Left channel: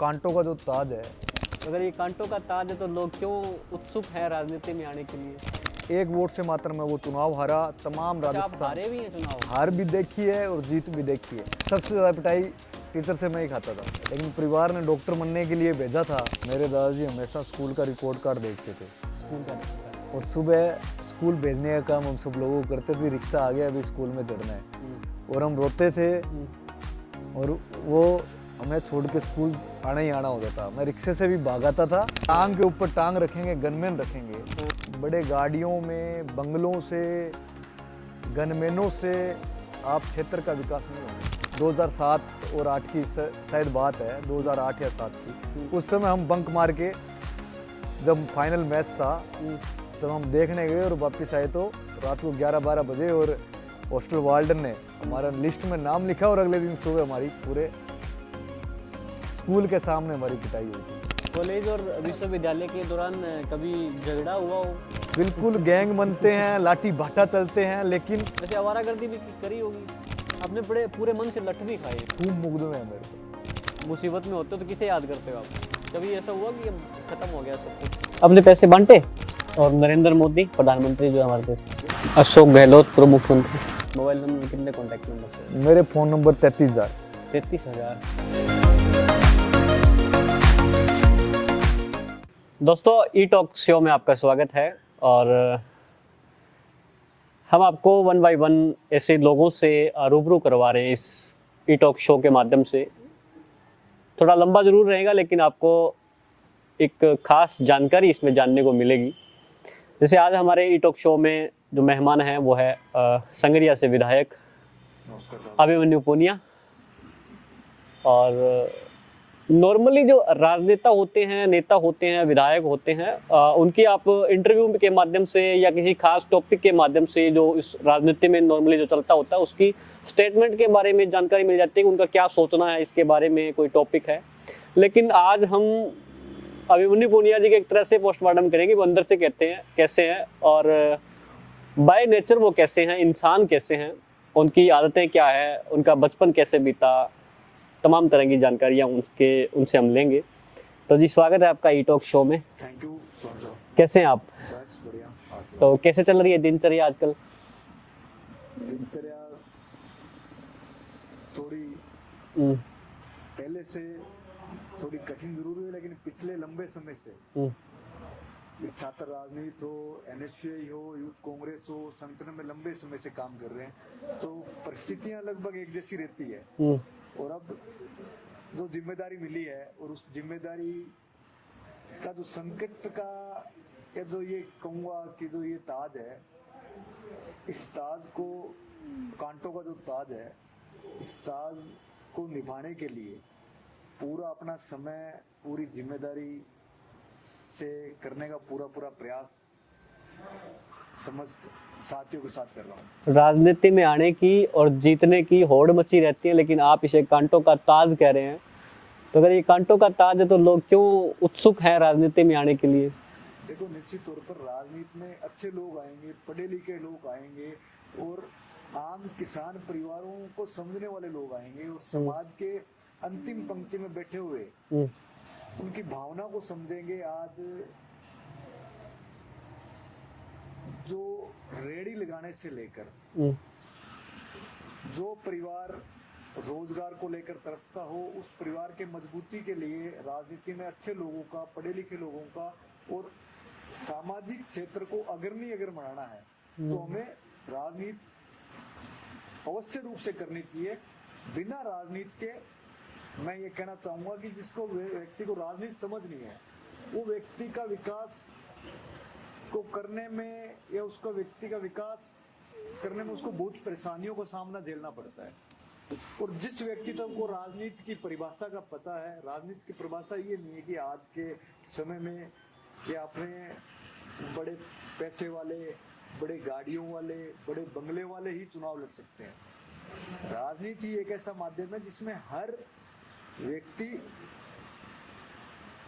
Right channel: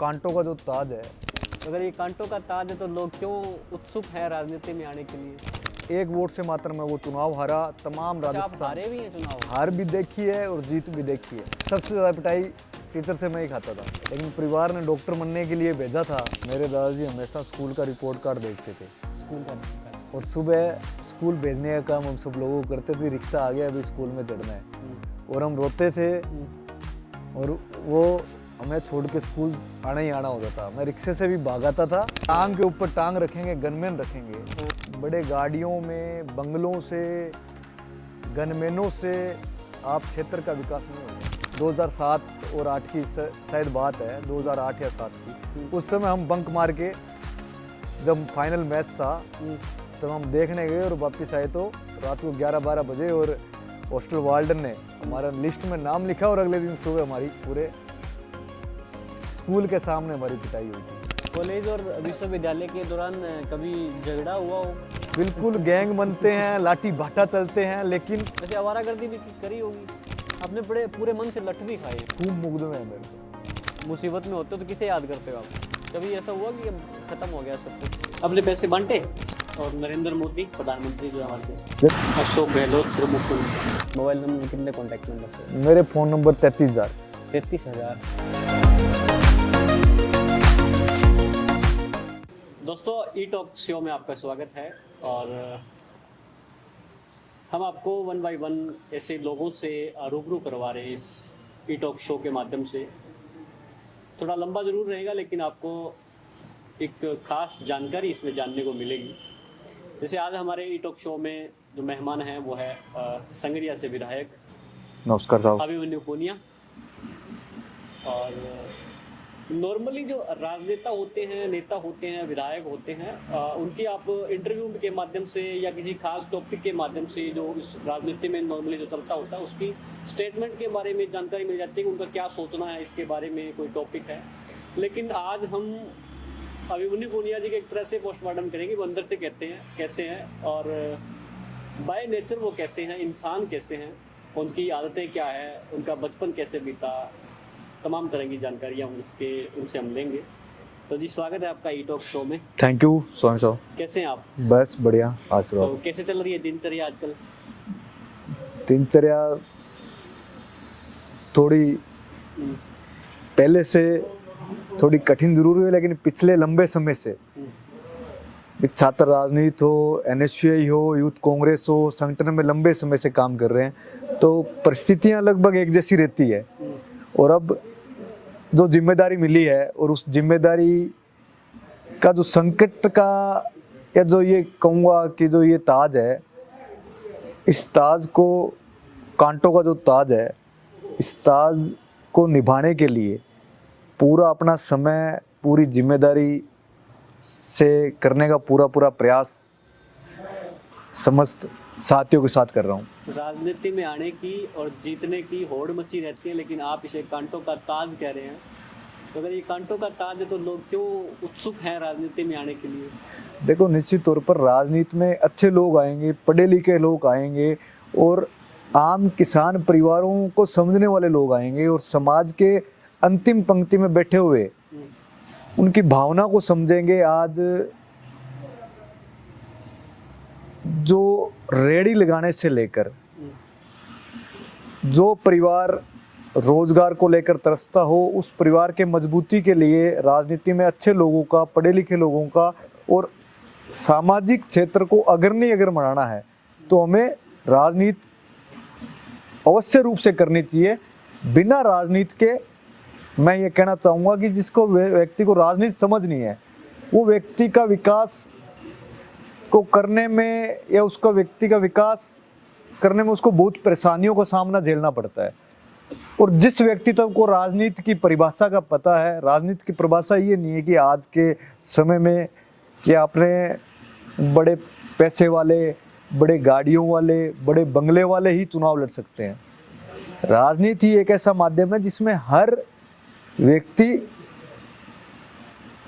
कांटों का जो ताज है। अगर ये कांटों का ताज है तो लोग क्यों उत्सुक हैं राजनीति में आने के लिए? एक वोट से मात्र में वो चुनाव हारा। तमाम अच्छा, आप राजस्थान हारे भी हैं चुनाव? हार भी देखी है और जीत भी देखी है। सबसे ज़्यादा पिटाई टीचर से मैं ही खाता था, लेकिन परिवार ने डॉक्टर बनने के लिए भेजा था। मेरे दादाजी हमेशा स्कूल का रिपोर्ट कार्ड देखते थे स्कूल का और सुबह स्कूल भेजने का काम हम सब लोगों को करते थे। रिक्शा आ गया, अभी स्कूल में चढ़ना है, और हम रोते थे और वो हमें छोड़ के स्कूल आना ही आना होता था। मैं रिक्शे से भी भागाता था। टांग के ऊपर टांग रखेंगे, गनमैन रखेंगे। बड़े गाड़ियों में, बंगलों से, गनमैनों से आप क्षेत्र का विकास नहीं होगा। 2007 और 8 की शायद बात है, 2008 या 7 की। उस समय हम बंक मार के, जब फाइनल मैच था तब हम देखने गए और वापस आए तो रात को 11-12 बजे, और हॉस्टल वार्डन ने हमारा लिस्ट में नाम लिखा और अगले दिन सुबह हमारी पूरे स्कूल के सामने हमारी पिटाई हुई थी। कॉलेज और विश्वविद्यालय के दौरान कभी झगड़ा हुआ हो? बिल्कुल, गैंग बनते हैं, लाठी भाटा चलते हैं, लेकिन वैसे आवारागर्दी भी करी होगी आपने? बड़े पूरे मन से लठ भी खाए? खूब मुकदमे हैं मेरे को। मुसीबत में होते हो तो किसे याद करते हो आप? कभी ऐसा हुआ कि अब खत्म हो गया सब कुछ, अपने पैसे बांटे? और नरेंद्र मोदी प्रधानमंत्री जो हमारे देश में, अशोक गहलोत प्रमुख मुख्यमंत्री, मोबाइल नंबर कितने, कॉन्टैक्ट नंबर से? मेरे फ़ोन नंबर 33,000। 33,000। दोस्तों, ई टॉक शो में आपका स्वागत है और हम आपको 1 बाय 1 ऐसे लोगों से रूबरू करवा रहे हैं इस ई टॉक शो के माध्यम से। थोड़ा लंबा ज़रूर रहेगा, लेकिन आपको एक खास जानकारी इसमें जानने को मिलेगी। जैसे आज हमारे ई टॉक शो में जो मेहमान हैं वो है संगरिया से विधायक नमस्कार साहब। अभिमन्यु पूनिया। और नॉर्मली जो राजनेता होते हैं, नेता होते हैं, विधायक होते हैं, उनकी आप इंटरव्यू के माध्यम से या किसी खास टॉपिक के माध्यम से जो इस राजनीति में नॉर्मली जो चलता होता है उसकी स्टेटमेंट के बारे में जानकारी मिल जाती है कि उनका क्या सोचना है इसके बारे में, कोई टॉपिक है। लेकिन आज हम अभिमन्यु पूनिया जी के एक तरह से पोस्टमार्टम करेंगे, वो अंदर से कहते हैं कैसे हैं और बाय नेचर वो कैसे हैं, इंसान कैसे हैं, उनकी आदतें क्या है, उनका बचपन कैसे बीता, तमाम तरह की जानकारियाँ उनसे हम लेंगे। तो जी, स्वागत है आपका ई टॉक शो में। थैंक यू सोनी साहब। कैसे हैं आप? बस बढ़िया। आज तो कैसे चल रही है दिनचर्या आजकल? दिनचर्या थोड़ी पहले से थोड़ी कठिन जरूर हुई, लेकिन पिछले लंबे समय से छात्र राजनीति हो, NSCI हो, यूथ कांग्रेस हो, संगठन में लंबे समय से काम कर रहे हैं, तो परिस्थितियां लगभग एक जैसी रहती है। और अब जो जिम्मेदारी मिली है और उस जिम्मेदारी का जो संकट का, या जो ये कहूँगा कि जो ये ताज है, इस ताज को, कांटों का जो ताज है, इस ताज को निभाने के लिए पूरा अपना समय, पूरी जिम्मेदारी से करने का पूरा प्रयास समस्त साथियों के साथ कर रहा हूँ। राजनीति में आने की और जीतने की होड़ मची रहती है, लेकिन आप इसे कांटों का ताज कह रहे हैं। तो अगर ये कांटों का ताज है तो लोग क्यों उत्सुक हैं राजनीति में आने के लिए? देखो, निश्चित तौर पर राजनीति में अच्छे लोग आएंगे, पढ़े लिखे लोग आएंगे, और आम किसान परिवारों को समझने वाले लोग आएंगे, और समाज के अंतिम पंक्ति में बैठे हुए उनकी भावना को समझेंगे। आज जो रेडी लगाने से लेकर जो परिवार रोजगार को लेकर तरसता हो, उस परिवार के मजबूती के लिए राजनीति में अच्छे लोगों का, पढ़े लिखे लोगों का, और सामाजिक क्षेत्र को अग्रणी अगर बनाना है तो हमें राजनीति अवश्य रूप से करनी चाहिए। बिना राजनीति के, मैं ये कहना चाहूँगा कि जिसको व्यक्ति को राजनीति समझ नहीं है, वो व्यक्ति का विकास को करने में, या उसका व्यक्ति का विकास करने में उसको बहुत परेशानियों का सामना झेलना पड़ता है। और जिस व्यक्ति को राजनीति की परिभाषा का पता है, राजनीति की परिभाषा ये नहीं है कि आज के समय में कि आपने बड़े पैसे वाले, बड़े गाड़ियों वाले, बड़े बंगले वाले ही चुनाव लड़ सकते हैं। राजनीति एक ऐसा माध्यम है जिसमें हर व्यक्ति,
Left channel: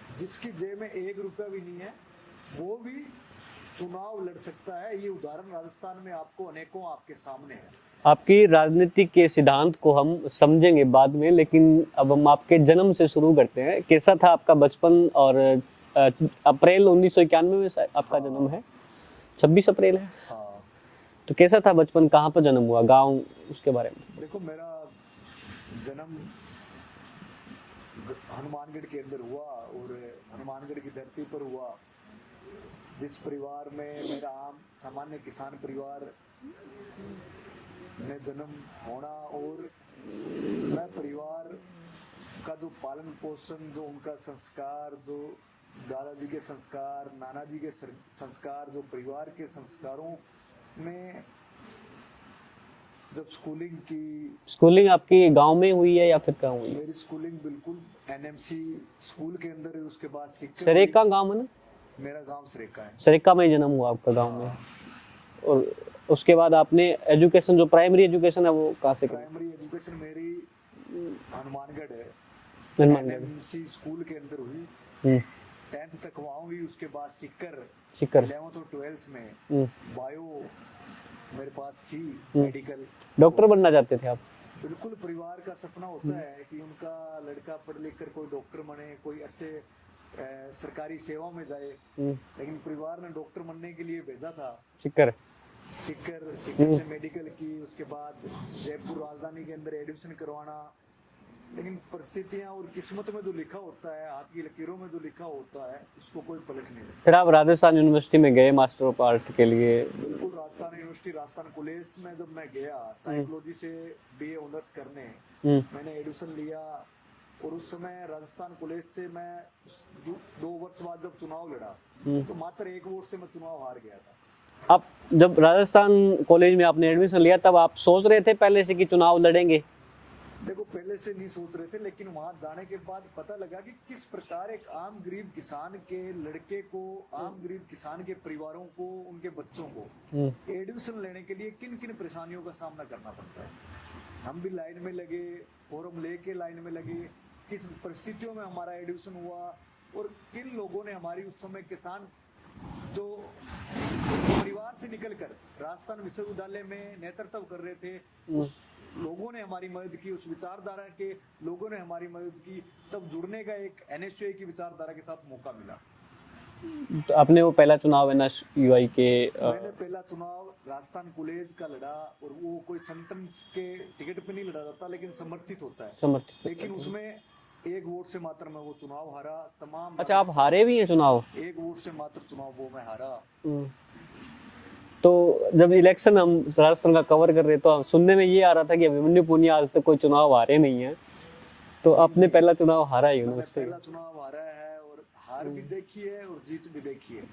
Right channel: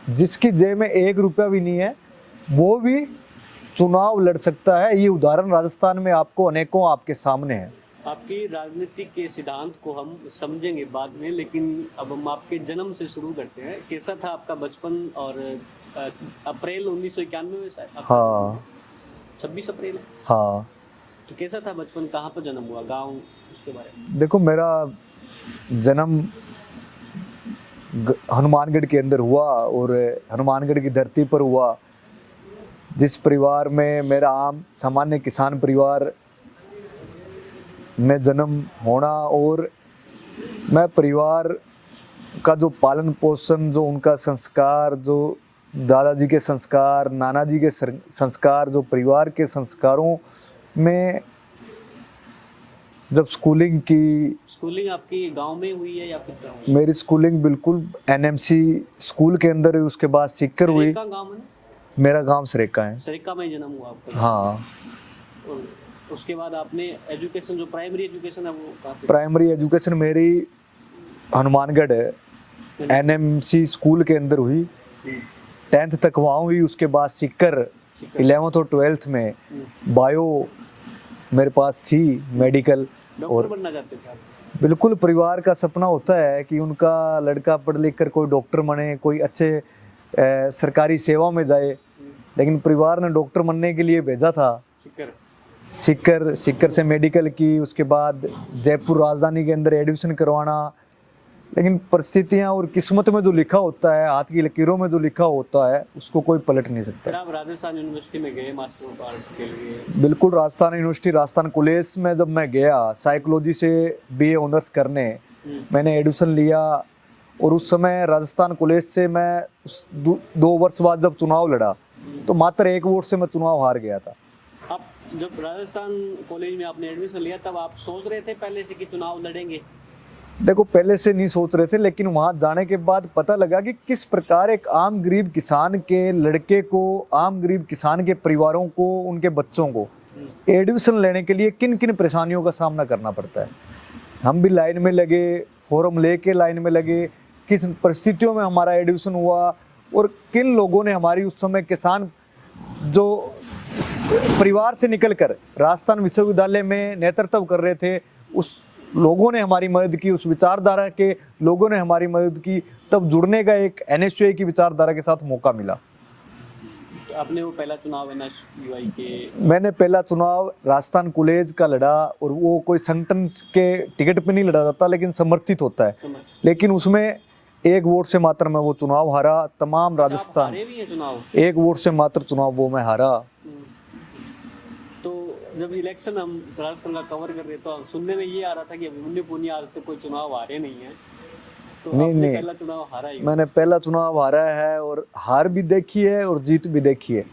जिसकी जेब में 1 रुपया भी नहीं है, वो भी चुनाव लड़ सकता है। ये उदाहरण राजस्थान में आपको अनेकों आपके सामने है। आपकी राजनीति के सिद्धांत को हम समझेंगे बाद में, लेकिन अब हम आपके जन्म से शुरू करते हैं। कैसा था आपका बचपन? और अप्रैल 1991 में शायद आपका हाँ। जन्म है, 26 अप्रैल है। हाँ, तो कैसा था बचपन? कहाँ पर जन्म हुआ, गांव, उसके बारे में? देखो मेरा जन्म हनुमानगढ़ के अंदर हुआ और हनुमानगढ़ की धरती पर हुआ, जिस परिवार में मेरा आम सामान्य किसान परिवार में जन्म होना, और मैं परिवार का जो पालन पोषण, जो उनका संस्कार, जो दादाजी के संस्कार, नाना जी के संस्कार, जो परिवार के संस्कारों में जब स्कूलिंग की, स्कूलिंग आपकी गांव में हुई है या फिर कहाँ हुई? मेरी स्कूलिंग बिल्कुल एनएमसी स्कूल के अंदर हुई, उसके बाद सीकर हुई। सरेका गांव है ना? मेरा गांव सरेका है। सरेका में जन्म हुआ आपका गांव हाँ। में। और उसके बाद आपने एजुकेशन, जो प्राइमरी एजुकेशन है, वो कहाँ से? प्राइमरी एजुकेशन मेरी हनुमानगढ़ एनएमसी स्कूल के अंदर हुई, 10th तक वहाँ हुई। उसके बाद सीकर 11th और 12th में बायो मेरे पास थी, मेडिकल। डॉक्टर बनना चाहते थे आप? बिल्कुल, परिवार का सपना होता है कि उनका लड़का पढ़ लिख कर कोई डॉक्टर बने, कोई अच्छे सरकारी सेवा में जाए, लेकिन परिवार ने डॉक्टर बनने के लिए भेजा था सीकर से मेडिकल की, उसके बाद जयपुर राजधानी के अंदर एडमिशन करवाना। लेकिन परिस्थितियां और किस्मत में जो लिखा होता है, हाथ की लकीरों में जो लिखा होता है, उसको कोई पलट नहीं सकता। फिर आप राजस्थान यूनिवर्सिटी में गए मास्टर ऑफ आर्ट के लिए? बिल्कुल, राजस्थान यूनिवर्सिटी, राजस्थान कॉलेज में जब मैं गया साइकोलॉजी से बीए ऑनर्स करने, मैंने एडमिशन लिया। और उस समय राजस्थान कॉलेज से मैं 2 वर्ष बाद जब चुनाव लड़ा, तो मात्र 1 वोट से मैं चुनाव हार गया था। आप जब राजस्थान कॉलेज में आपने एडमिशन लिया, तब आप सोच रहे थे पहले से कि चुनाव लड़ेंगे? देखो, पहले से नहीं सोच रहे थे, लेकिन वहां जाने के बाद पता लगा कि किस प्रकार एक आम गरीब किसान के लड़के को, आम गरीब किसान के परिवारों को, उनके बच्चों को एडमिशन लेने के लिए किन किन परेशानियों का सामना करना पड़ता है। हम भी लाइन में लगे, फॉर्म लेके लाइन में लगे, किस परिस्थितियों में हमारा एडमिशन हुआ, और किन लोगों ने हमारी, उस समय किसान जो परिवार से निकलकर राजस्थान विश्वविद्यालय में नेतृत्व कर रहे थे, उस लोगों ने हमारी मदद की, उस विचारधारा के लोगों ने हमारी मदद की। तब जुड़ने का एक एनएसयूआई की विचारधारा के साथ मौका मिला। तो आपने वो पहला चुनाव एनएसयूआई के? मैंने पहला चुनाव राजस्थान कॉलेज का लड़ा, और वो कोई संगठन के टिकट पे नहीं लड़ा जाता, लेकिन समर्थित होता है। लेकिन उसमें 1 वोट से मात्र मैं वो चुनाव हारा। तमाम राजस्थान। आप हारे भी हैं चुनाव? 1 वोट से मात्र चुनाव वो मैं हारा। तो जब इलेक्शन हम राजस्थान का कवर कर रहे, तो हम सुनने में ये आ रहा था कि अभिमन्यु पुनिया आज तक कोई चुनाव हारे नहीं है, तो आपने पहला चुनाव हारा ही? मैंने पहला चुनाव हारा है, और हार भी देखी है और जीत भी देखी है।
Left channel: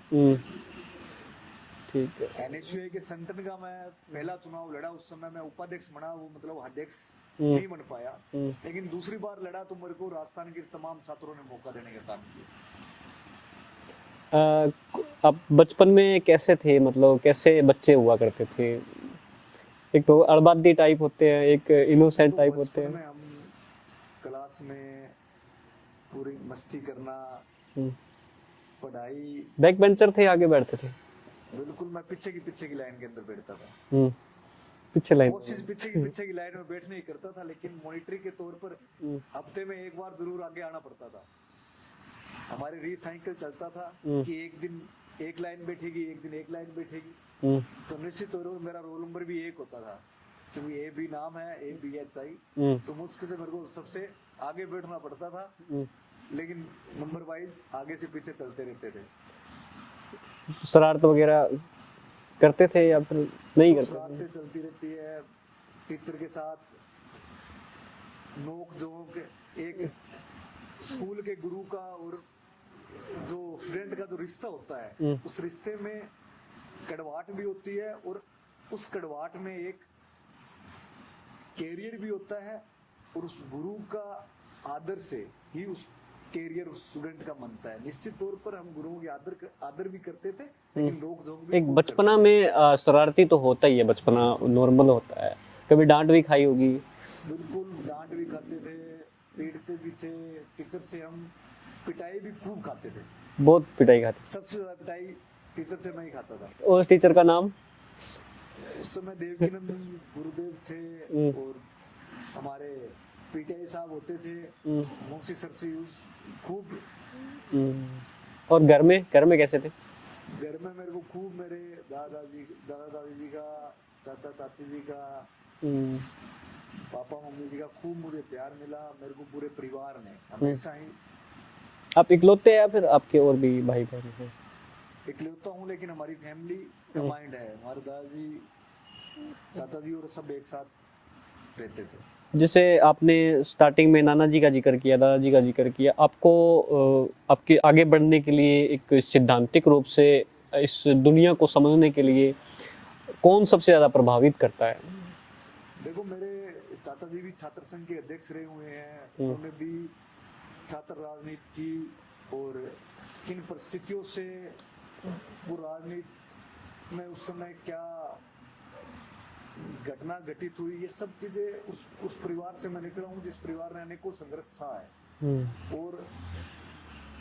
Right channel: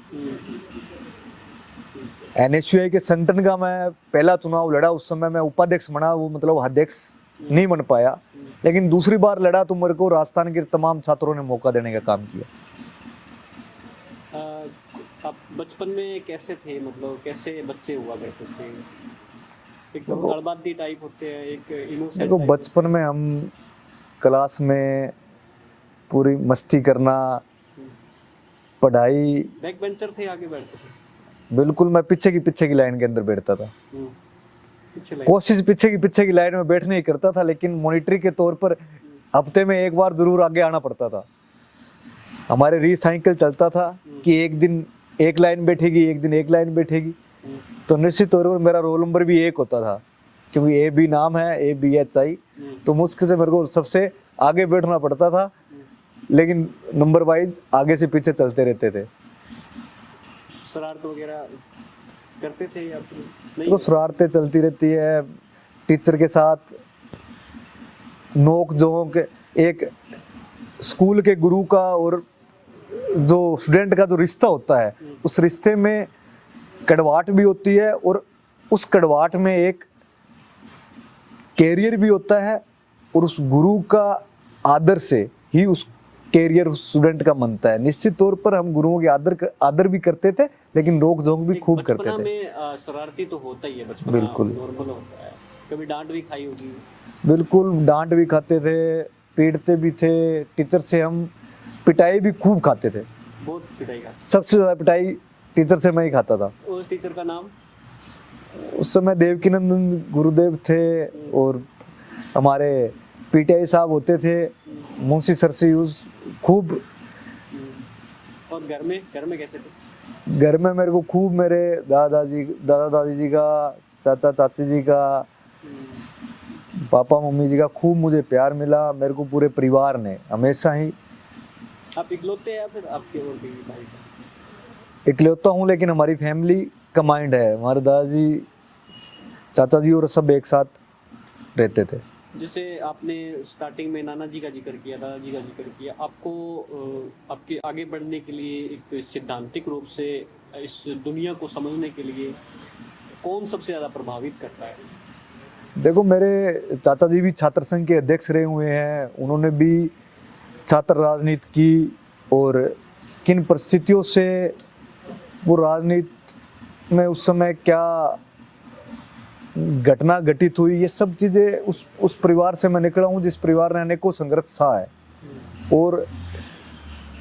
एनएसयूआई के संगठन का मैं पहला चुनाव लड़ा, उस समय मैं उपाध्यक्ष बना, वो मतलब अध्यक्ष नहीं बन पाया। लेकिन दूसरी बार लड़ा तो मेरे को राजस्थान के तमाम छात्रों ने मौका देने का काम किया। आप बचपन में कैसे थे, मतलब कैसे बच्चे हुआ करते थे? एक तो अड़बादी टाइप होते हैं, एक इनोसेंट टाइप। बचपन में हम क्लास में पूरी मस्ती करना, पढ़ाई। बैक बेंचर थे, आगे बैठते थे? बिल्कुल, मैं पीछे की लाइन के अंदर बैठता था। पीछे लाइन? कोशिश पीछे की लाइन में बैठने ही करता था, लेकिन मॉनिटरी के तौर पर हफ्ते में 1 बार जरूर आगे आना पड़ता था। हमारे रीसाइकिल चलता था कि एक दिन एक लाइन बैठेगी, एक दिन एक लाइन बैठेगी। तो निश्चित तौर पर मेरा रोल नंबर भी 1 होता था, क्योंकि AB नाम है, ABHI। तो मुश्किल से मेरे को सबसे आगे बैठना पड़ता था, लेकिन नंबर वाइज आगे से पीछे चलते रहते थे। शरारत वगैरह करते थे या फिर नहीं? तो शरारतें चलती रहती है, टीचर के साथ नोक झोंक, एक स्कूल के गुरु का और जो स्टूडेंट का जो रिश्ता होता है, उस रिश्ते में कड़वाहट भी होती है, और उस कड़वाहट में एक कैरियर भी होता है, और उस गुरु का आदर से ही उस कैरियर स्टूडेंट का बनता है। निश्चित तौर पर हम गुरुओं के आदर भी करते थे, लेकिन रोक जोक भी खूब करते थे। बचपना में शरारती तो होता ही है, बचपना नॉर्मल होता है। कभी डांट भी खाई होगी? बिल्कुल, डांट भी खाते थे, पीटते भी थे। टीचर से हम पिटाई भी खूब खाते थे। बहुत पिटाई खाते? सबसे ज्यादा पिटाई टीचर से मैं ही खाता था। और टीचर का नाम? उस समय देवकीनंदन गुरुदेव थे और हमारे पीटीआई साहब होते थे, मुंशी सर से यूज खूब। और घर में कैसे थे? घर में मेरे को खूब मेरे दादा दादी जी का, चाचा चाची जी का, पापा मम्मी जी का खूब मुझे प्यार मिला। मेरे को पूरे परिवार ने हमेशा ही। आप इकलौते हैं या फिर आपके और भी भाई बहन हैं? इकलौता हूँ, लेकिन हमारी फैमिली कंबाइंड है। हमारे दादाजी, चाचा जी और सब एक साथ रहते थे। जैसे आपने स्टार्टिंग में नाना जी का जिक्र किया, दादाजी का जिक्र किया, आपको आपके आगे बढ़ने के लिए एक सिद्धांतिक रूप से इस दुनिया को समझने के लिए कौन सबसे ज़्यादा प्रभावित करता है? देखो, मेरे चाचा जी भी छात्र संघ के अध्यक्ष रहे हुए हैं। उन्होंने भी छात्र राजनीति की और किन परिस्थितियों से वो राजनीति में उस समय क्या घटना घटित हुई, ये सब चीजें उस परिवार से मैं निकला हूँ जिस परिवार ने अनेकों संघर्ष सहा है। और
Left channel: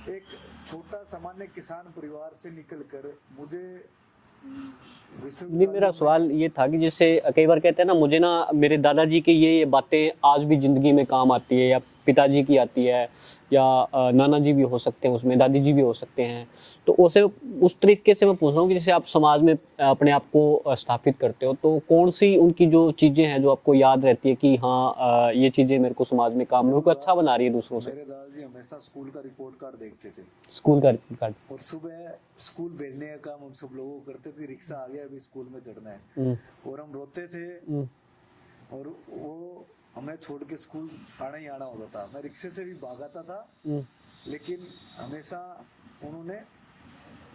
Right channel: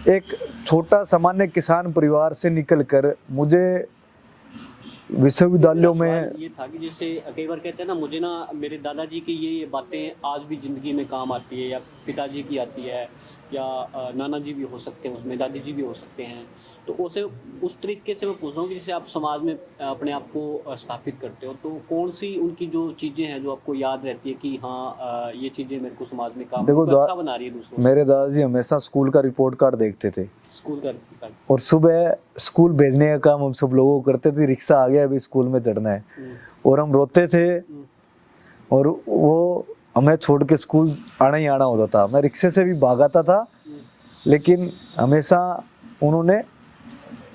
एक छोटा सामान्य किसान परिवार से निकलकर मुझे विश्वविद्यालयों सवाल में। ये था कि जैसे कई बार कहते हैं ना, मुझे ना मेरे दादाजी की ये बातें आज भी जिंदगी में काम आती है, या पिताजी की आती है, या नाना जी भी हो सकते हैं उसमें, दादी जी भी हो सकते हैं। तो उसे उस तरीके से मैं पूछ रहा हूँ कि जैसे आप समाज में अपने आप को स्थापित करते हो, तो कौन सी उनकी जो चीजें हैं जो आपको याद रहती है कि हाँ ये चीजें मेरे को समाज में काम देखो, अच्छा बना रही है दूसरों से? मेरे दादाजी हमेशा स्कूल का रिपोर्ट कार्ड देखते थे स्कूल का। और सुबह स्कूल भेजने का काम हम सब लोगों को करते थे। रिक्शा आ गया, अभी स्कूल में चढ़ना है, और हम रोते थे और वो हमें छोड़ के स्कूल आना ही आना होता था। मैं रिक्शे से भी भागाता था, लेकिन हमेशा उन्होंने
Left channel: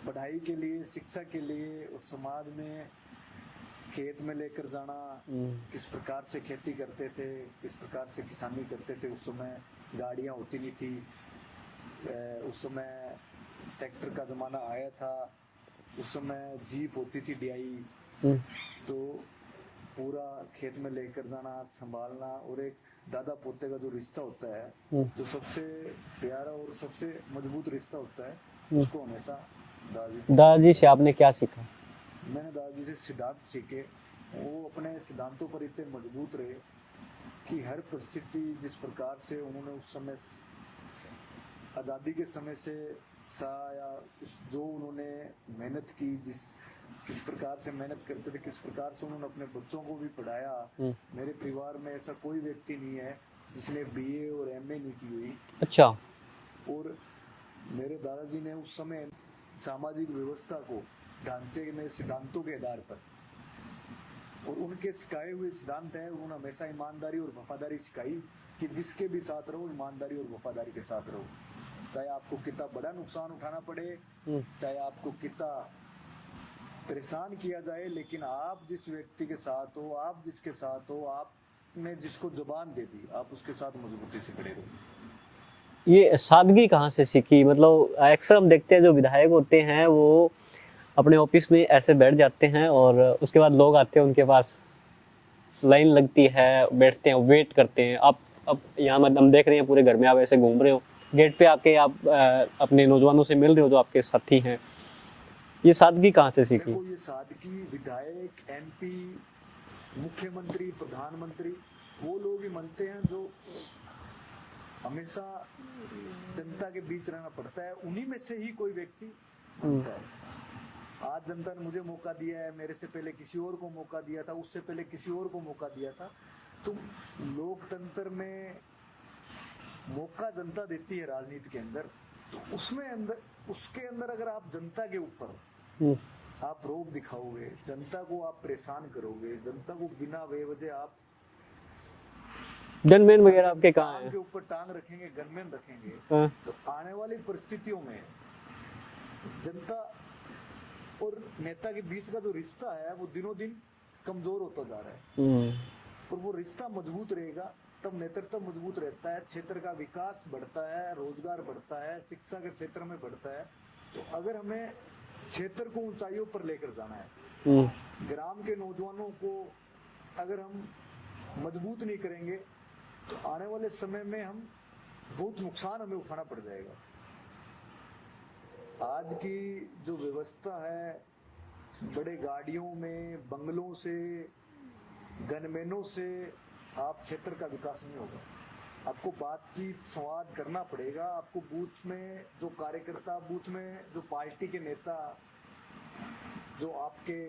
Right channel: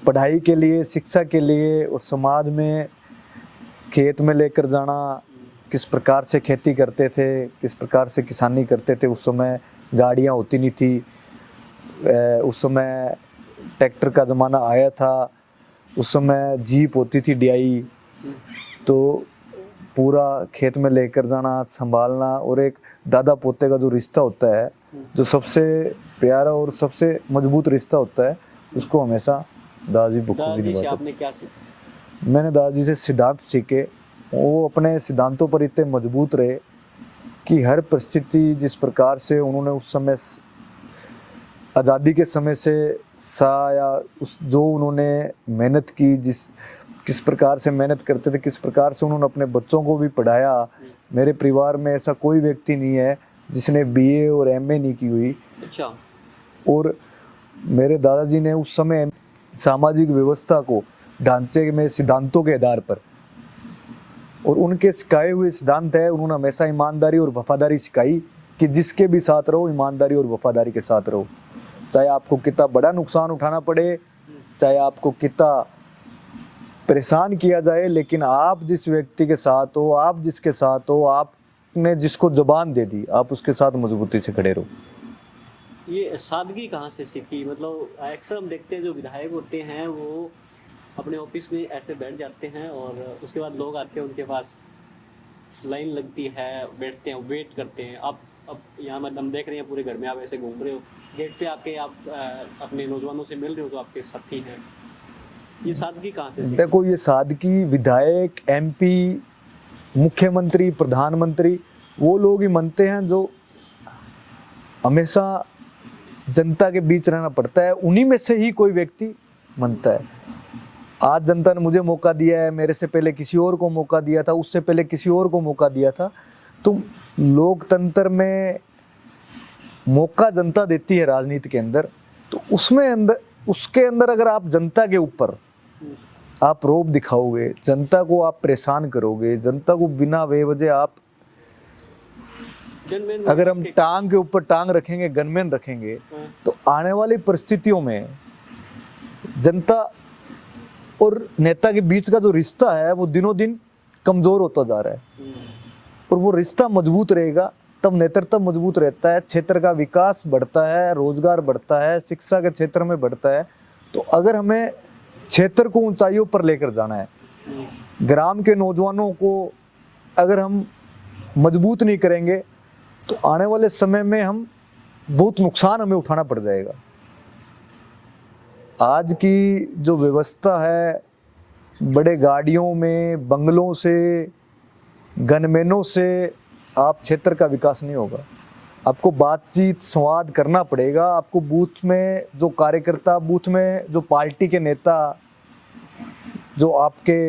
पढ़ाई के लिए, शिक्षा के लिए और समाज में खेत में लेकर जाना, किस प्रकार से खेती करते थे, किस प्रकार से किसानी करते थे। उस समय गाड़ियाँ होती नहीं थी, उस समय ट्रैक्टर का ज़माना आया था, उस समय जीप होती थी DI। तो पूरा खेत में लेकर जाना, संभालना, और एक दादा पोते का जो रिश्ता होता है, जो सबसे प्यारा और सबसे मजबूत रिश्ता होता है, उसको हमेशा दादाजी से आपने क्या सीखा? मैंने दादाजी से सिद्धांत सीखे। वो अपने सिद्धांतों पर इतने मजबूत रहे कि हर परिस्थिति, जिस प्रकार से उन्होंने उस समय आज़ादी के समय से या उस जो उन्होंने मेहनत की, किस प्रकार से मेहनत करते थे, किस प्रकार से उन्होंने अपने बच्चों को भी पढ़ाया। मेरे परिवार में ऐसा कोई व्यक्ति नहीं है जिसने BA और MA नहीं की हुई। अच्छा। और मेरे दादाजी ने उस समय सामाजिक व्यवस्था को ढांचे में सिद्धांतों के आधार पर, और उनके सिखाए हुए सिद्धांत है, उन्होंने हमेशा ईमानदारी और वफादारी सिखाई कि जिसके भी साथ रहो, ईमानदारी और वफादारी के साथ रहो। चाहे आपको कितना बड़ा नुकसान उठाना पड़े, चाहे आपको कितना परेशान किया जाए, लेकिन आप जिस व्यक्ति के साथ हो, आप जिसके साथ हो, आपने जिसको जुबान दे दी, आप उसके साथ मजबूती से खड़े रहो। ये सादगी कहाँ से सीखी? मतलब अक्सर हम देखते हैं जो विधायक होते हैं वो अपने ऑफिस में ऐसे बैठ जाते हैं और उसके बाद लोग आते हैं उनके पास, लाइन लगती है, बैठते हैं, वेट करते हैं। आप अब यहाँ मतलब हम देख रहे हैं पूरे घर में आप ऐसे घूम रहे हो, गेट पे आके आप अपने नौजवानों से मिल रहे हो जो आपके साथी हैं। ये सादगी कहाँ से सीखी? देखो, ये सादगी विधायक, MP, मुख्यमंत्री, प्रधानमंत्री, वो लोग ही मानते हैं जो हमेशा जनता के बीच रहना पड़ता है। उन्हीं में से ही कोई व्यक्ति मानता है। आज जनता ने मुझे मौका दिया है, मेरे से पहले किसी और को मौका दिया था, उससे पहले किसी और को मौका दिया था। तो लोकतंत्र में मौका जनता देती है राजनीति के अंदर, तो उसके अंदर अगर आप जनता के ऊपर आप रोब दिखाओगे, जनता को आप परेशान करोगे, जनता को बिना बेवजह आप गनमैन, अगर हम टांग के ऊपर टांग रखेंगे, गनमैन रखेंगे, तो आने वाली परिस्थितियों में जनता और नेता के बीच का जो रिश्ता है वो दिनों दिन कमजोर होता जा रहा है। और वो रिश्ता मजबूत रहेगा तब नेतृत्व मजबूत रहता है, क्षेत्र का विकास बढ़ता है, रोजगार बढ़ता है, शिक्षा के क्षेत्र में बढ़ता है। तो अगर हमें क्षेत्र को ऊंचाइयों पर लेकर जाना है, ग्राम के नौजवानों को अगर हम मजबूत नहीं करेंगे, तो आने वाले समय में हम बहुत नुकसान हमें उठाना पड़ जाएगा। आज की जो व्यवस्था है बड़े गाड़ियों में, बंगलों से, गनमैनों से आप क्षेत्र का विकास नहीं होगा। आपको बातचीत संवाद करना पड़ेगा। आपको बूथ में जो कार्यकर्ता, बूथ में जो पार्टी के नेता, जो आपके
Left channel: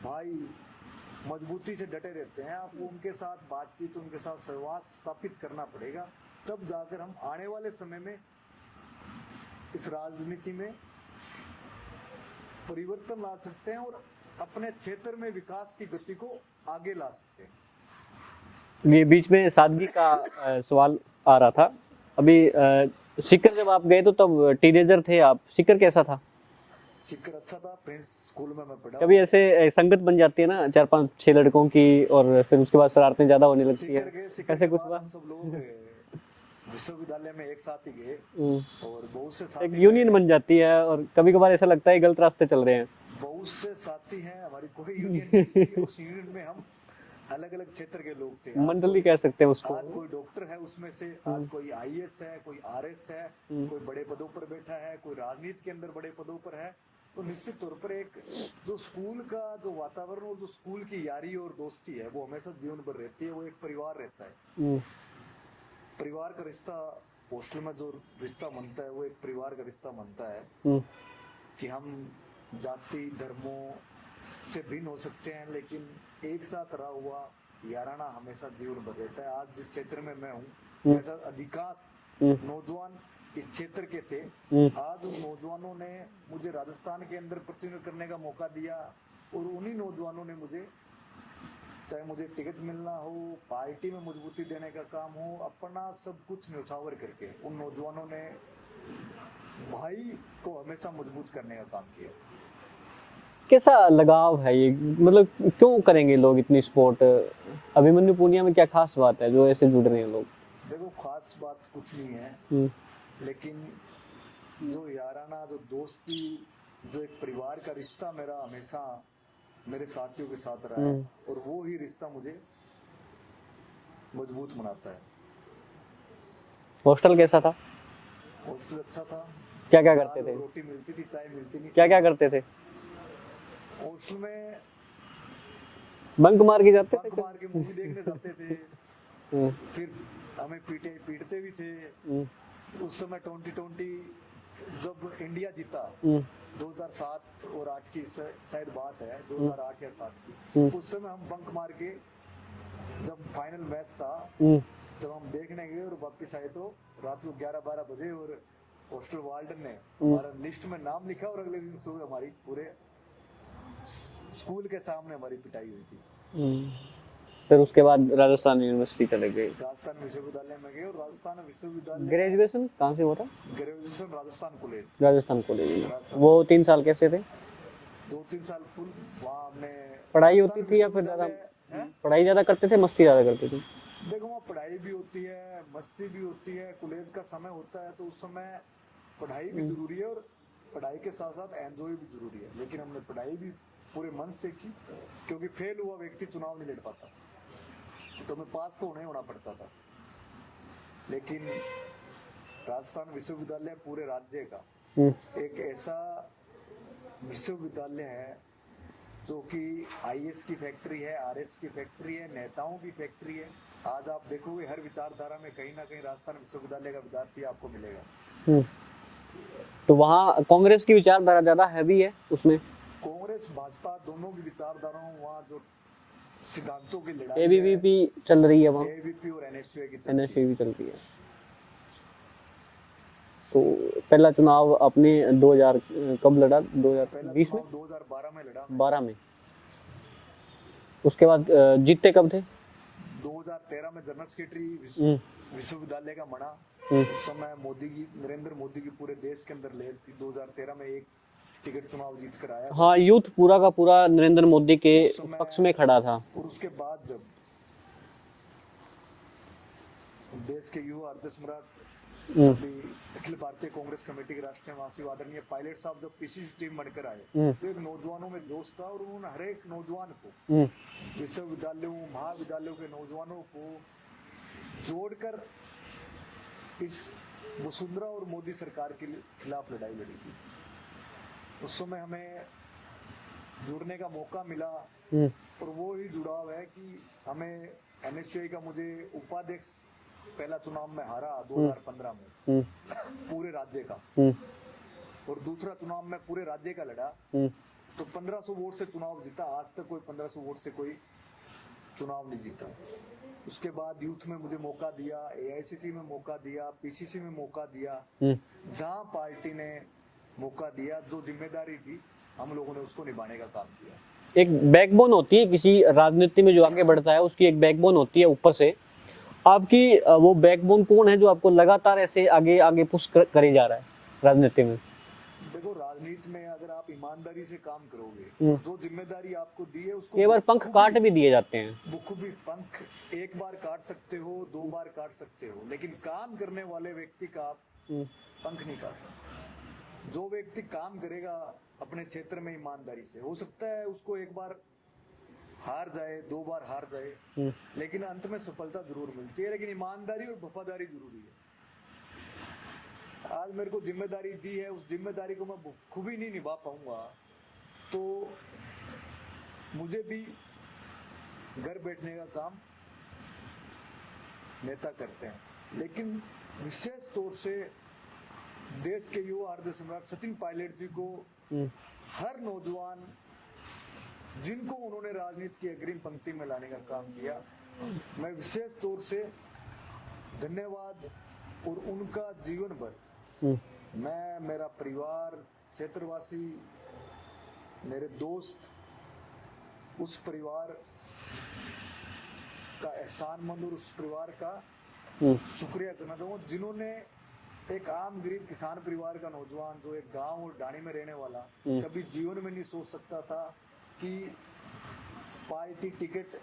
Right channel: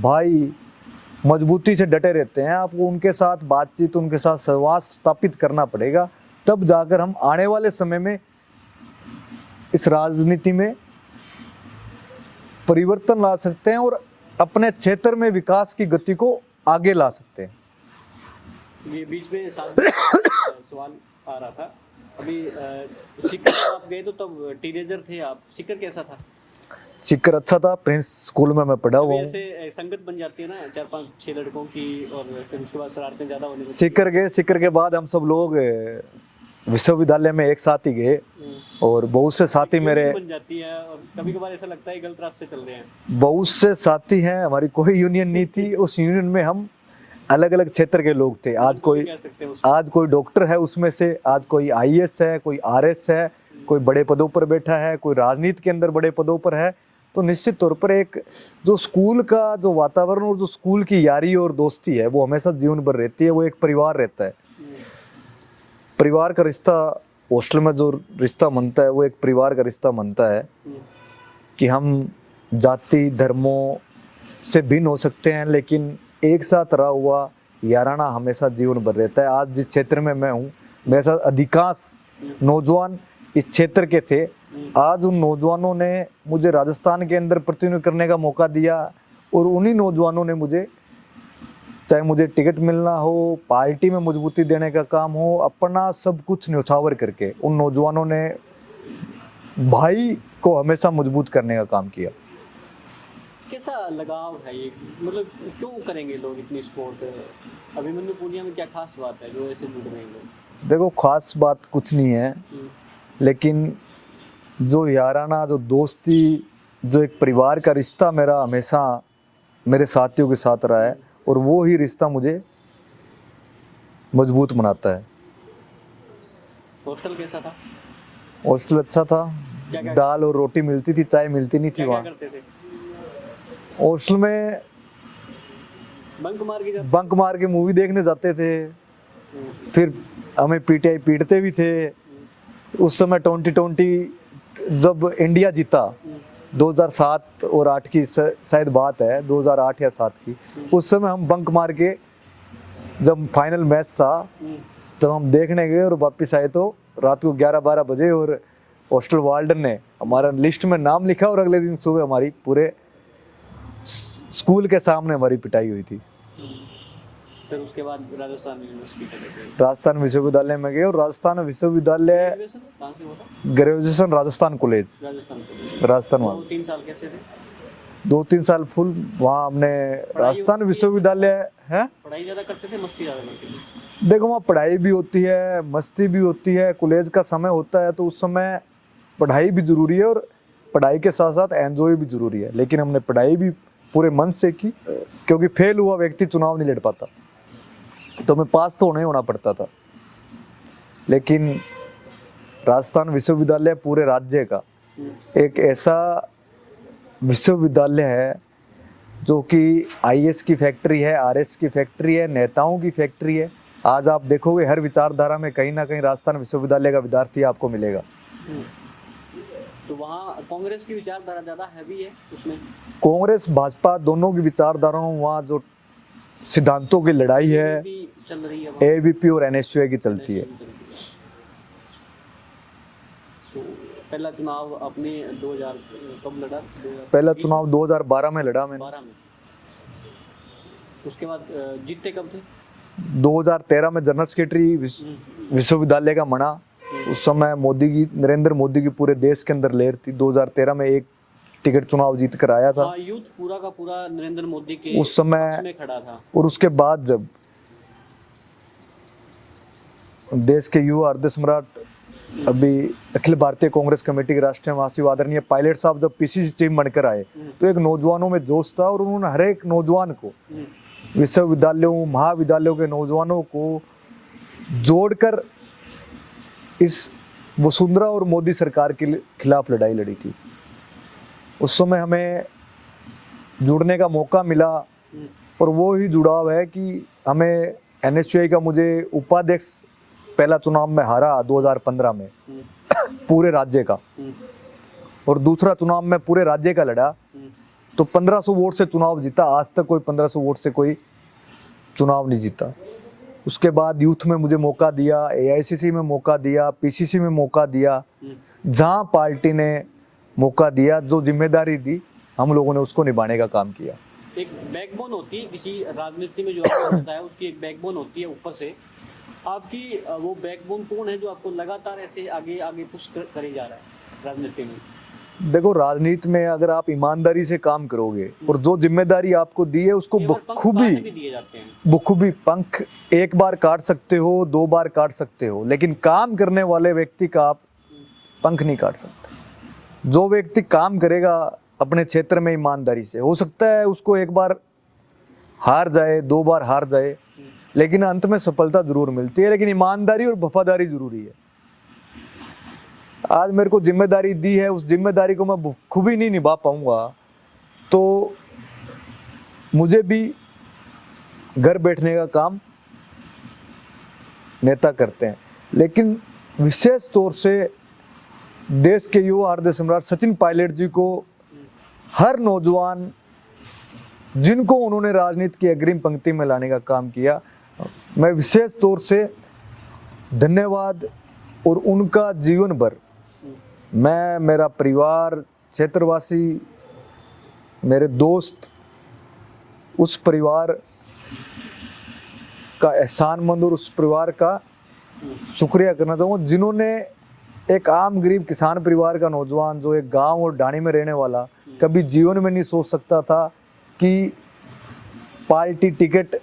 भाई मजबूती से डटे रहते हैं, आपको उनके साथ बातचीत, उनके साथ संवाद स्थापित करना पड़ेगा। तब जाकर हम आने वाले समय में इस राजनीति में परिवर्तन ला सकते हैं और अपने क्षेत्र में विकास की गति को आगे ला सकते हैं। ये बीच में सादगी का सवाल आ रहा था। अभी सीकर जब आप गए तो तब टीनेजर थे आप, सीकर कैसा था? सीकर अच्छा था, प्रिंस स्कूल में मैं पढ़ा कभी हुआ हूँ। ऐसे संगत बन जाती है ना 4-5-6 लड़कों की, और फिर उसके बाद शरारतें ज्यादा होने लगती है। सीकर के बाद हम सब लोग विश्वविद्यालय में एक साथ ही गए और बहुत से साथी एक मेरे, यूनियन बन जाती है, और कभी कभार ऐसा लगता है गलत रास्ते चल रहे हैं। बहुत से साथी हैं। हमारी कोई यूनियन नहीं थी। उस यूनियन में हम अलग अलग क्षेत्र के लोग थे। आज कोई कह सकते हैं उसको। आज कोई डॉक्टर है उसमें से, आज कोई आईएएस है, कोई आरएस है, कोई बड़े पदों पर बैठा है, कोई राजनीति के अंदर बड़े पदों पर है। तो निश्चित तौर पर एक जो स्कूल का जो वातावरण और जो स्कूल की यारी और दोस्ती है वो हमेशा जीवन भर रहती है। वो एक परिवार रहता है। परिवार का रिश्ता, हॉस्टल में जो रिश्ता बनता है वो एक परिवार का रिश्ता बनता है कि हम जाति धर्मों से भिन्न हो सकते हैं, लेकिन एक साथ रहा हुआ याराना हमेशा जीवन भर रहता है। आज जिस क्षेत्र में मैं हूँ, मेरे साथ अधिकांश नौजवान इस क्षेत्र के थे। आज उन नौजवानों ने मुझे राजस्थान के अंदर प्रतिनिधित्व करने का मौका दिया और उन्हीं नौजवानों ने मुझे, चाहे मुझे टिकट मिलना हो, पार्टी में मजबूती देने का काम हो, अपना सब कुछ न्यौछावर करके उन नौजवानों ने भाई को हमेशा मजबूत करने का काम किया। कैसा लगाव है ये, मतलब क्यों करेंगे लोग इतनी सपोर्ट? अभिमन्यु पूनिया में क्या खास बात है जो ऐसे जुड़ रहे हैं लोग? देखो, खास बात कुछ नहीं है, लेकिन जो याराना, जो दोस्ती, जो एक परिवार का रिश्ता मेरा हमेशा मेरे साथियों के साथ रहा है और वो ही रिश्ता मुझे मजबूत बनाता है। हॉस्टल कैसा था? हॉस्टल अच्छा था। क्या दाल और रोटी मिलती थी, चाय मिलती नहीं थी। क्या करते थे हॉस्टल में? बंक मार के मूवी देखने जाते थे। फिर हमें पीटीआई पीटते भी थे। उस समय 2020 जब इंडिया जीता, 2007 और 8 की शायद बात है, 2008 या 7 की, उस समय हम बंक मार के, जब फाइनल मैच था तो हम देखने गए और वापस आए तो रात को 11-12 बजे, और हॉस्टल वार्डन ने हमारा लिस्ट में नाम लिखा और अगले दिन सुबह हमारी पूरे स्कूल के सामने हमारी पिटाई हुई थी। फिर उसके बाद राजस्थान यूनिवर्सिटी चले गए, राजस्थान विश्वविद्यालय में गए और राजस्थान विश्वविद्यालय ग्रेजुएशन कहाँ से हुआ था? Graduation Rajasthan college. राजस्थान। वो 3 साल कैसे थे? 2-3 साल फुल वहाँ हमने राजस्थान विश्वविद्यालय है। पढ़ाई ज्यादा करते थे, मस्ती ज्यादा करते थे? देखो, वहाँ पढ़ाई भी होती है, मस्ती भी होती है। कॉलेज का समय होता है तो उस समय पढ़ाई भी जरूरी है और पढ़ाई के साथ साथ एंजॉय भी जरूरी है। लेकिन हमने पढ़ाई भी पूरे मन से की, क्योंकि फेल हुआ व्यक्ति चुनाव नहीं लड़ पाता, तो हमें पास तो नहीं होना पड़ता था। लेकिन राजस्थान विश्वविद्यालय पूरे राज्य का एक ऐसा विश्वविद्यालय है जो कि आईएएस की फैक्ट्री है, आरएस की फैक्ट्री है, नेताओं की फैक्ट्री है। आज आप देखोगे हर विचारधारा में कहीं ना कहीं राजस्थान विश्वविद्यालय का विद्यार्थी आपको मिलेगा। तो वहाँ कांग्रेस की विचारधारा ज्यादा हैवी है उसमें? कांग्रेस भाजपा दोनों की विचारधाराओं, वहाँ जो सिद्धांतों की लड़ाई है, चल रही है, एबीपी और एनएसयूआई की चलती है। तो पहला चुनाव आपने 2000 कब लड़ा? पहला चुनाव 2012 में लड़ा मैंने। 12 में। उसके बाद जीतते कब थे? 2013 में जनरल सेक्रेटरी विश्वविद्यालय का बना। उस समय नरेंद्र मोदी की पूरे देश के अंदर लहर थी। 2013 में एक टिकट चुनाव जीत कर आया था। हाँ, यूथ पूरा का पूरा नरेंद्र मोदी के उस समय पक्ष में खड़ा था। और उसके बाद जब देश के युवा हृदय सम्राट, अभी अखिल भारतीय कांग्रेस कमेटी के राष्ट्रीय महासचिव आदरणीय पायलट साहब जब पीसीसी चीफ बनकर आए, तो एक नौजवानों में जोश था और उन्होंने हर एक नौजवान को, विश्वविद्यालयों महाविद्यालयों के नौजवानों को जोड़कर इस वसुंधरा और मोदी सरकार के खिलाफ लड़ाई लड़ी थी। उस समय हमें जुड़ने का मौका मिला, और वो ही जुड़ाव है कि हमें एनएसयूआई का, मुझे उपाध्यक्ष पहला चुनाव में हारा 2015 में पूरे राज्य का, और दूसरा चुनाव में पूरे राज्य का लड़ा, तो 1500 वोट से चुनाव जीता। आज तक कोई 1500 वोट से कोई चुनाव नहीं जीता। उसके बाद यूथ में मुझे मौका दिया, एआईसीसी में मौका दिया, पीसीसी में मौका दिया, जहां पार्टी ने मौका दिया, जो जिम्मेदारी दी, हम लोगों ने उसको निभाने का काम किया। एक बैकबोन होती है किसी राजनीति में, जो आगे बढ़ता है उसकी एक बैकबोन होती है ऊपर से। आपकी वो बैकबोन कौन है जो आपको लगातार ऐसे आगे आगे पुश करे जा रहा है राजनीति में? देखो, राजनीति में अगर आप ईमानदारी से काम करोगे और जो जिम्मेदारी आपको दी है उसको बखूबी भी दिए जाते हैं। बखूबी पंख एक बार काट सकते हो, 2 बार काट सकते हो, लेकिन काम करने वाले व्यक्ति का आप पंख नहीं काट सकते। जो व्यक्ति काम करेगा अपने क्षेत्र में ईमानदारी से, हो सकता है उसको एक बार हार जाए, 2 बार हार जाए, लेकिन अंत में सफलता जरूर मिलती है। लेकिन ईमानदारी और वफादारी जरूरी है। आज मेरे को जिम्मेदारी दी है, उस जिम्मेदारी को मैं बखूबी नहीं निभा पाऊंगा तो मुझे भी घर बैठने का काम नेता करते हैं। लेकिन विशेष तौर से देश के युवा हृदय सम्राट सचिन पायलट जी को, हर नौजवान जिनको उन्होंने राजनीति की अग्रिम पंक्ति में लाने का काम किया, मैं विशेष तौर से धन्यवाद। और उनका जीवन भर मैं, मेरा परिवार, क्षेत्रवासी, मेरे दोस्त, उस परिवार का एहसानमंद और उस परिवार का शुक्रिया करना चाहूँगा, जिन्होंने एक आम गरीब किसान परिवार का नौजवान, जो एक गांव और ढाणी में रहने वाला, कभी जीवन में नहीं सोच सकता था कि पार्टी टिकट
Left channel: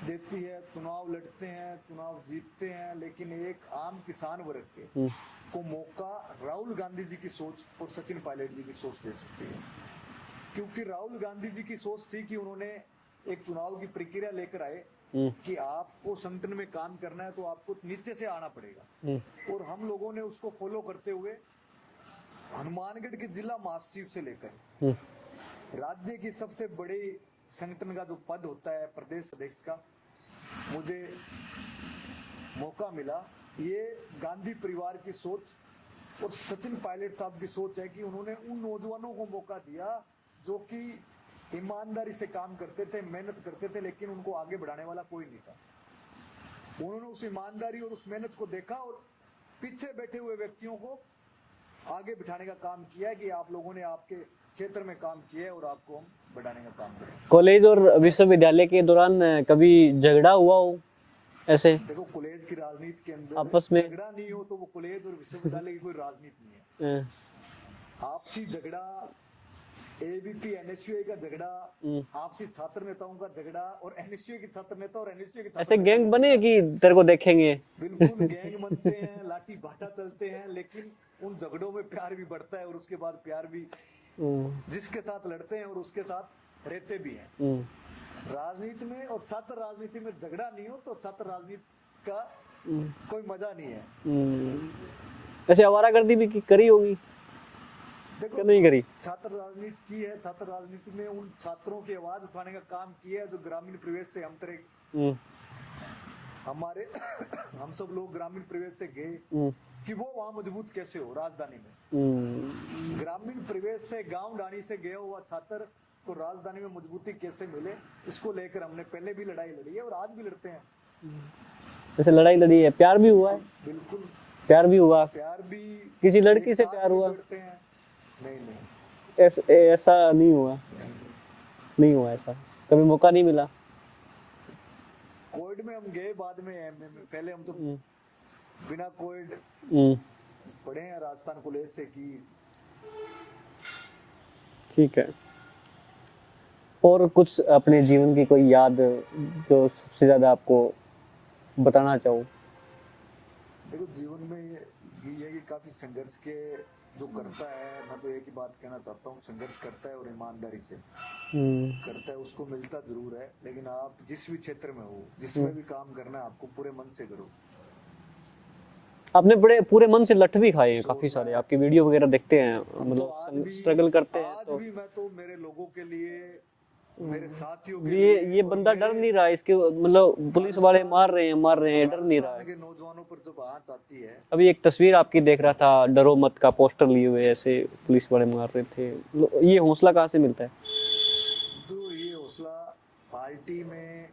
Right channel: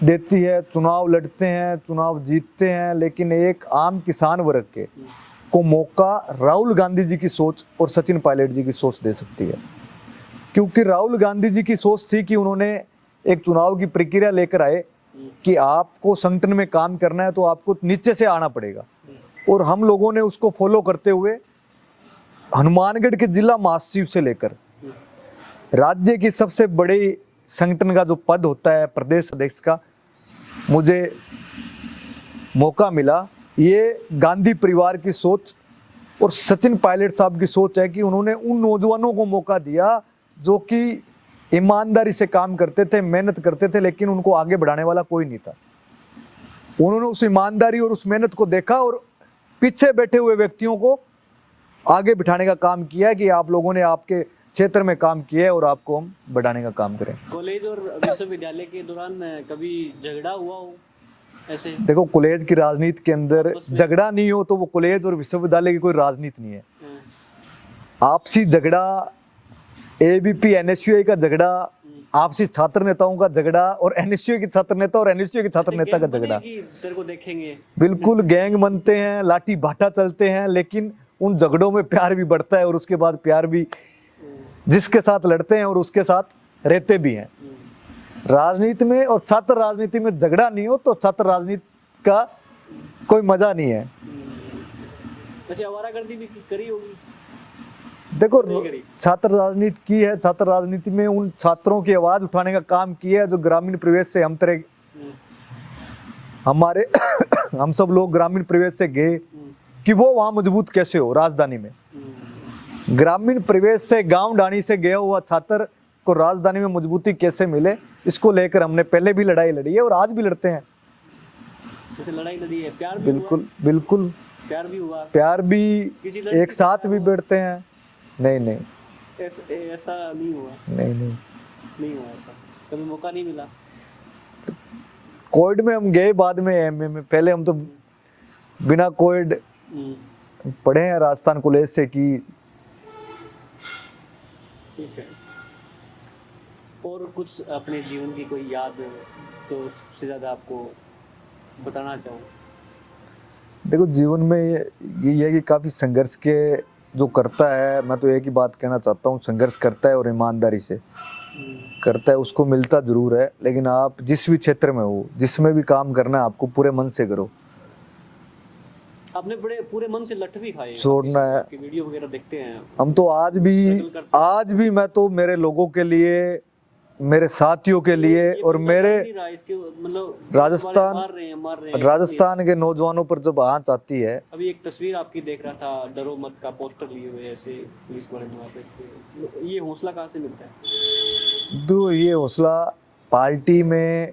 देती है, चुनाव लड़ते हैं, चुनाव जीतते हैं, लेकिन एक आम किसान वर्ग के को मौका राहुल गांधी जी की सोच और सचिन पायलट जी की सोच दे सकती है। क्योंकि राहुल गांधी जी की सोच थी कि उन्होंने एक चुनाव की प्रक्रिया लेकर आए कि आपको संगठन में काम करना है तो आपको नीचे से आना पड़ेगा, और हम लोगों ने उसको फॉलो करते हुए हनुमानगढ़ के जिला महासचिव से लेकर राज्य की सबसे बड़ी संगठन का जो पद होता है प्रदेश अध्यक्ष का, मुझे मौका मिला। ये गांधी परिवार की सोच और सचिन पायलट साहब की सोच है कि उन्होंने उन नौजवानों को मौका दिया जो कि ईमानदारी से काम करते थे, मेहनत करते थे, लेकिन उनको आगे बढ़ाने वाला कोई नहीं था। उन्होंने उस ईमानदारी और उस मेहनत को देखा और पीछे बैठे हुए व्यक्तियों को आगे बिठाने का काम किया कि आप लोगों ने आपके क्षेत्र में काम किया है और आपको हम बढ़ाने का काम करें। कॉलेज और विश्वविद्यालय के दौरान कभी झगड़ा हुआ हो ऐसे? देखो, कॉलेज की राजनीति के अंदर झगड़ा नहीं हो तो वो कॉलेज और विश्वविद्यालय की कोई राजनीति नहीं है। आपसी झगड़ा, एबीपी एनएसयूआई का झगड़ा, आपसी छात्र नेताओं का झगड़ा, और एनएसयूआई के छात्र नेता और एनएसयूआई के छात्र नेता का झगड़ा, कि तेरे को देखेंगे, बिल्कुल गैंग बनते हैं, लाठी भाटा चलते हैं, लेकिन उन झगड़ों में प्यार भी बढ़ता है और उसके बाद प्यार भी, जिसके साथ लड़ते हैं और उसके साथ रहते भी हैं। राजनीति में और छात्र राजनीति में झगड़ा नहीं हो तो छात्र राजनीति का कोई मजा नहीं है। ऐसे आवारागर्दी भी करी होगी? देखो, नहीं करी। छात्र राजनीति की है, छात्र राजनीति में उन छात्रों की आवाज उठाने का काम किया है जो ग्रामीण परिवेश से हम तरह हमारे हम सब लोग ग्रामीण परिवेश से गए कि वो वहां मजबूत कैसे हो। राजधानी में ग्रामीण परिवेश से, गांव ढाणी से गया हुआ छात्र को राजधानी में मजबूती कैसे मिले, इसको लेकर हमने पहले भी लड़ाई लड़ी है और आज भी लड़ते हैं। जैसे लड़ाई लड़ी है, प्यार भी हुआ? बिल्कुल प्यार भी हुआ। प्यार भी, किसी एक साथ भी बैठते हैं। नहीं, ऐसा नहीं हुआ। नहीं हुआ ऐसा, कभी मौका नहीं मिला। कोविड में हम गए, बाद में एमए में। पहले हम तो बिना कोविड पढ़े हैं राजस्थान कॉलेज से कि। ठीक है। और कुछ अपने जीवन की कोई याद जो सबसे ज्यादा आपको बताना चाहो? देखो, जीवन में ये है कि काफी संघर्ष के जो करता है, मैं तो एक ही बात कहना चाहता हूँ, संघर्ष करता है और ईमानदारी से करता है, उसको मिलता जरूर है। लेकिन आप जिस भी क्षेत्र में हो, जिसमें भी काम करना है, आपको पूरे मन से करो। आपने बड़े पूरे मन से लठ भी खाए, काफी छोड़ना सारे, है। आपकी वीडियो वगैरह देखते हैं, हम तो आज struggle करते हैं। आज भी मैं तो मेरे लोगों के लिए, मेरे साथियों के ये लिए और बंदा डर मेरे नहीं रहा इसके, मतलब पुलिस वाले राजस्थान मार रहे हैं, डर नहीं रहा। राजस्थान के नौजवानों पर जब आंच आती है, अभी एक तस्वीर आपकी देख रहा था, डरो मत का पोस्टर लिए हुए ऐसे पुलिस वाले मार रहे थे, ये हौसला कहाँ से मिलता है? तो ये हौसला, पार्टी में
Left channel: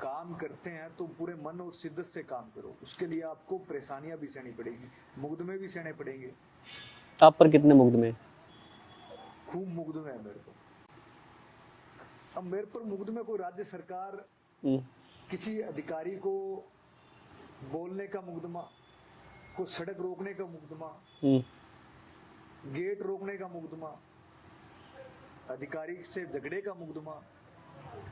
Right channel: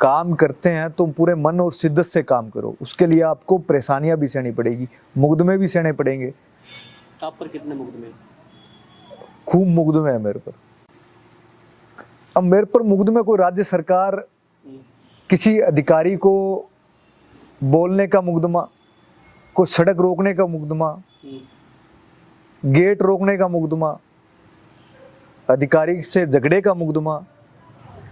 काम करते हैं तो पूरे मन और शिद्दत से काम करो, उसके लिए आपको परेशानियां भी सहनी पड़ेगी, मुकदमे भी सहने पड़ेंगे। आप पर कितने मुकदमे? खूब मुकदमे है मेरे पर। अब मेरे पर मुकदमे कोई राज्य सरकार, हम्म, किसी अधिकारी को बोलने का मुकदमा, कोई सड़क रोकने का मुकदमा, हम्म, गेट रोकने का मुकदमा, अधिकारी से झगड़े का मुकदमा,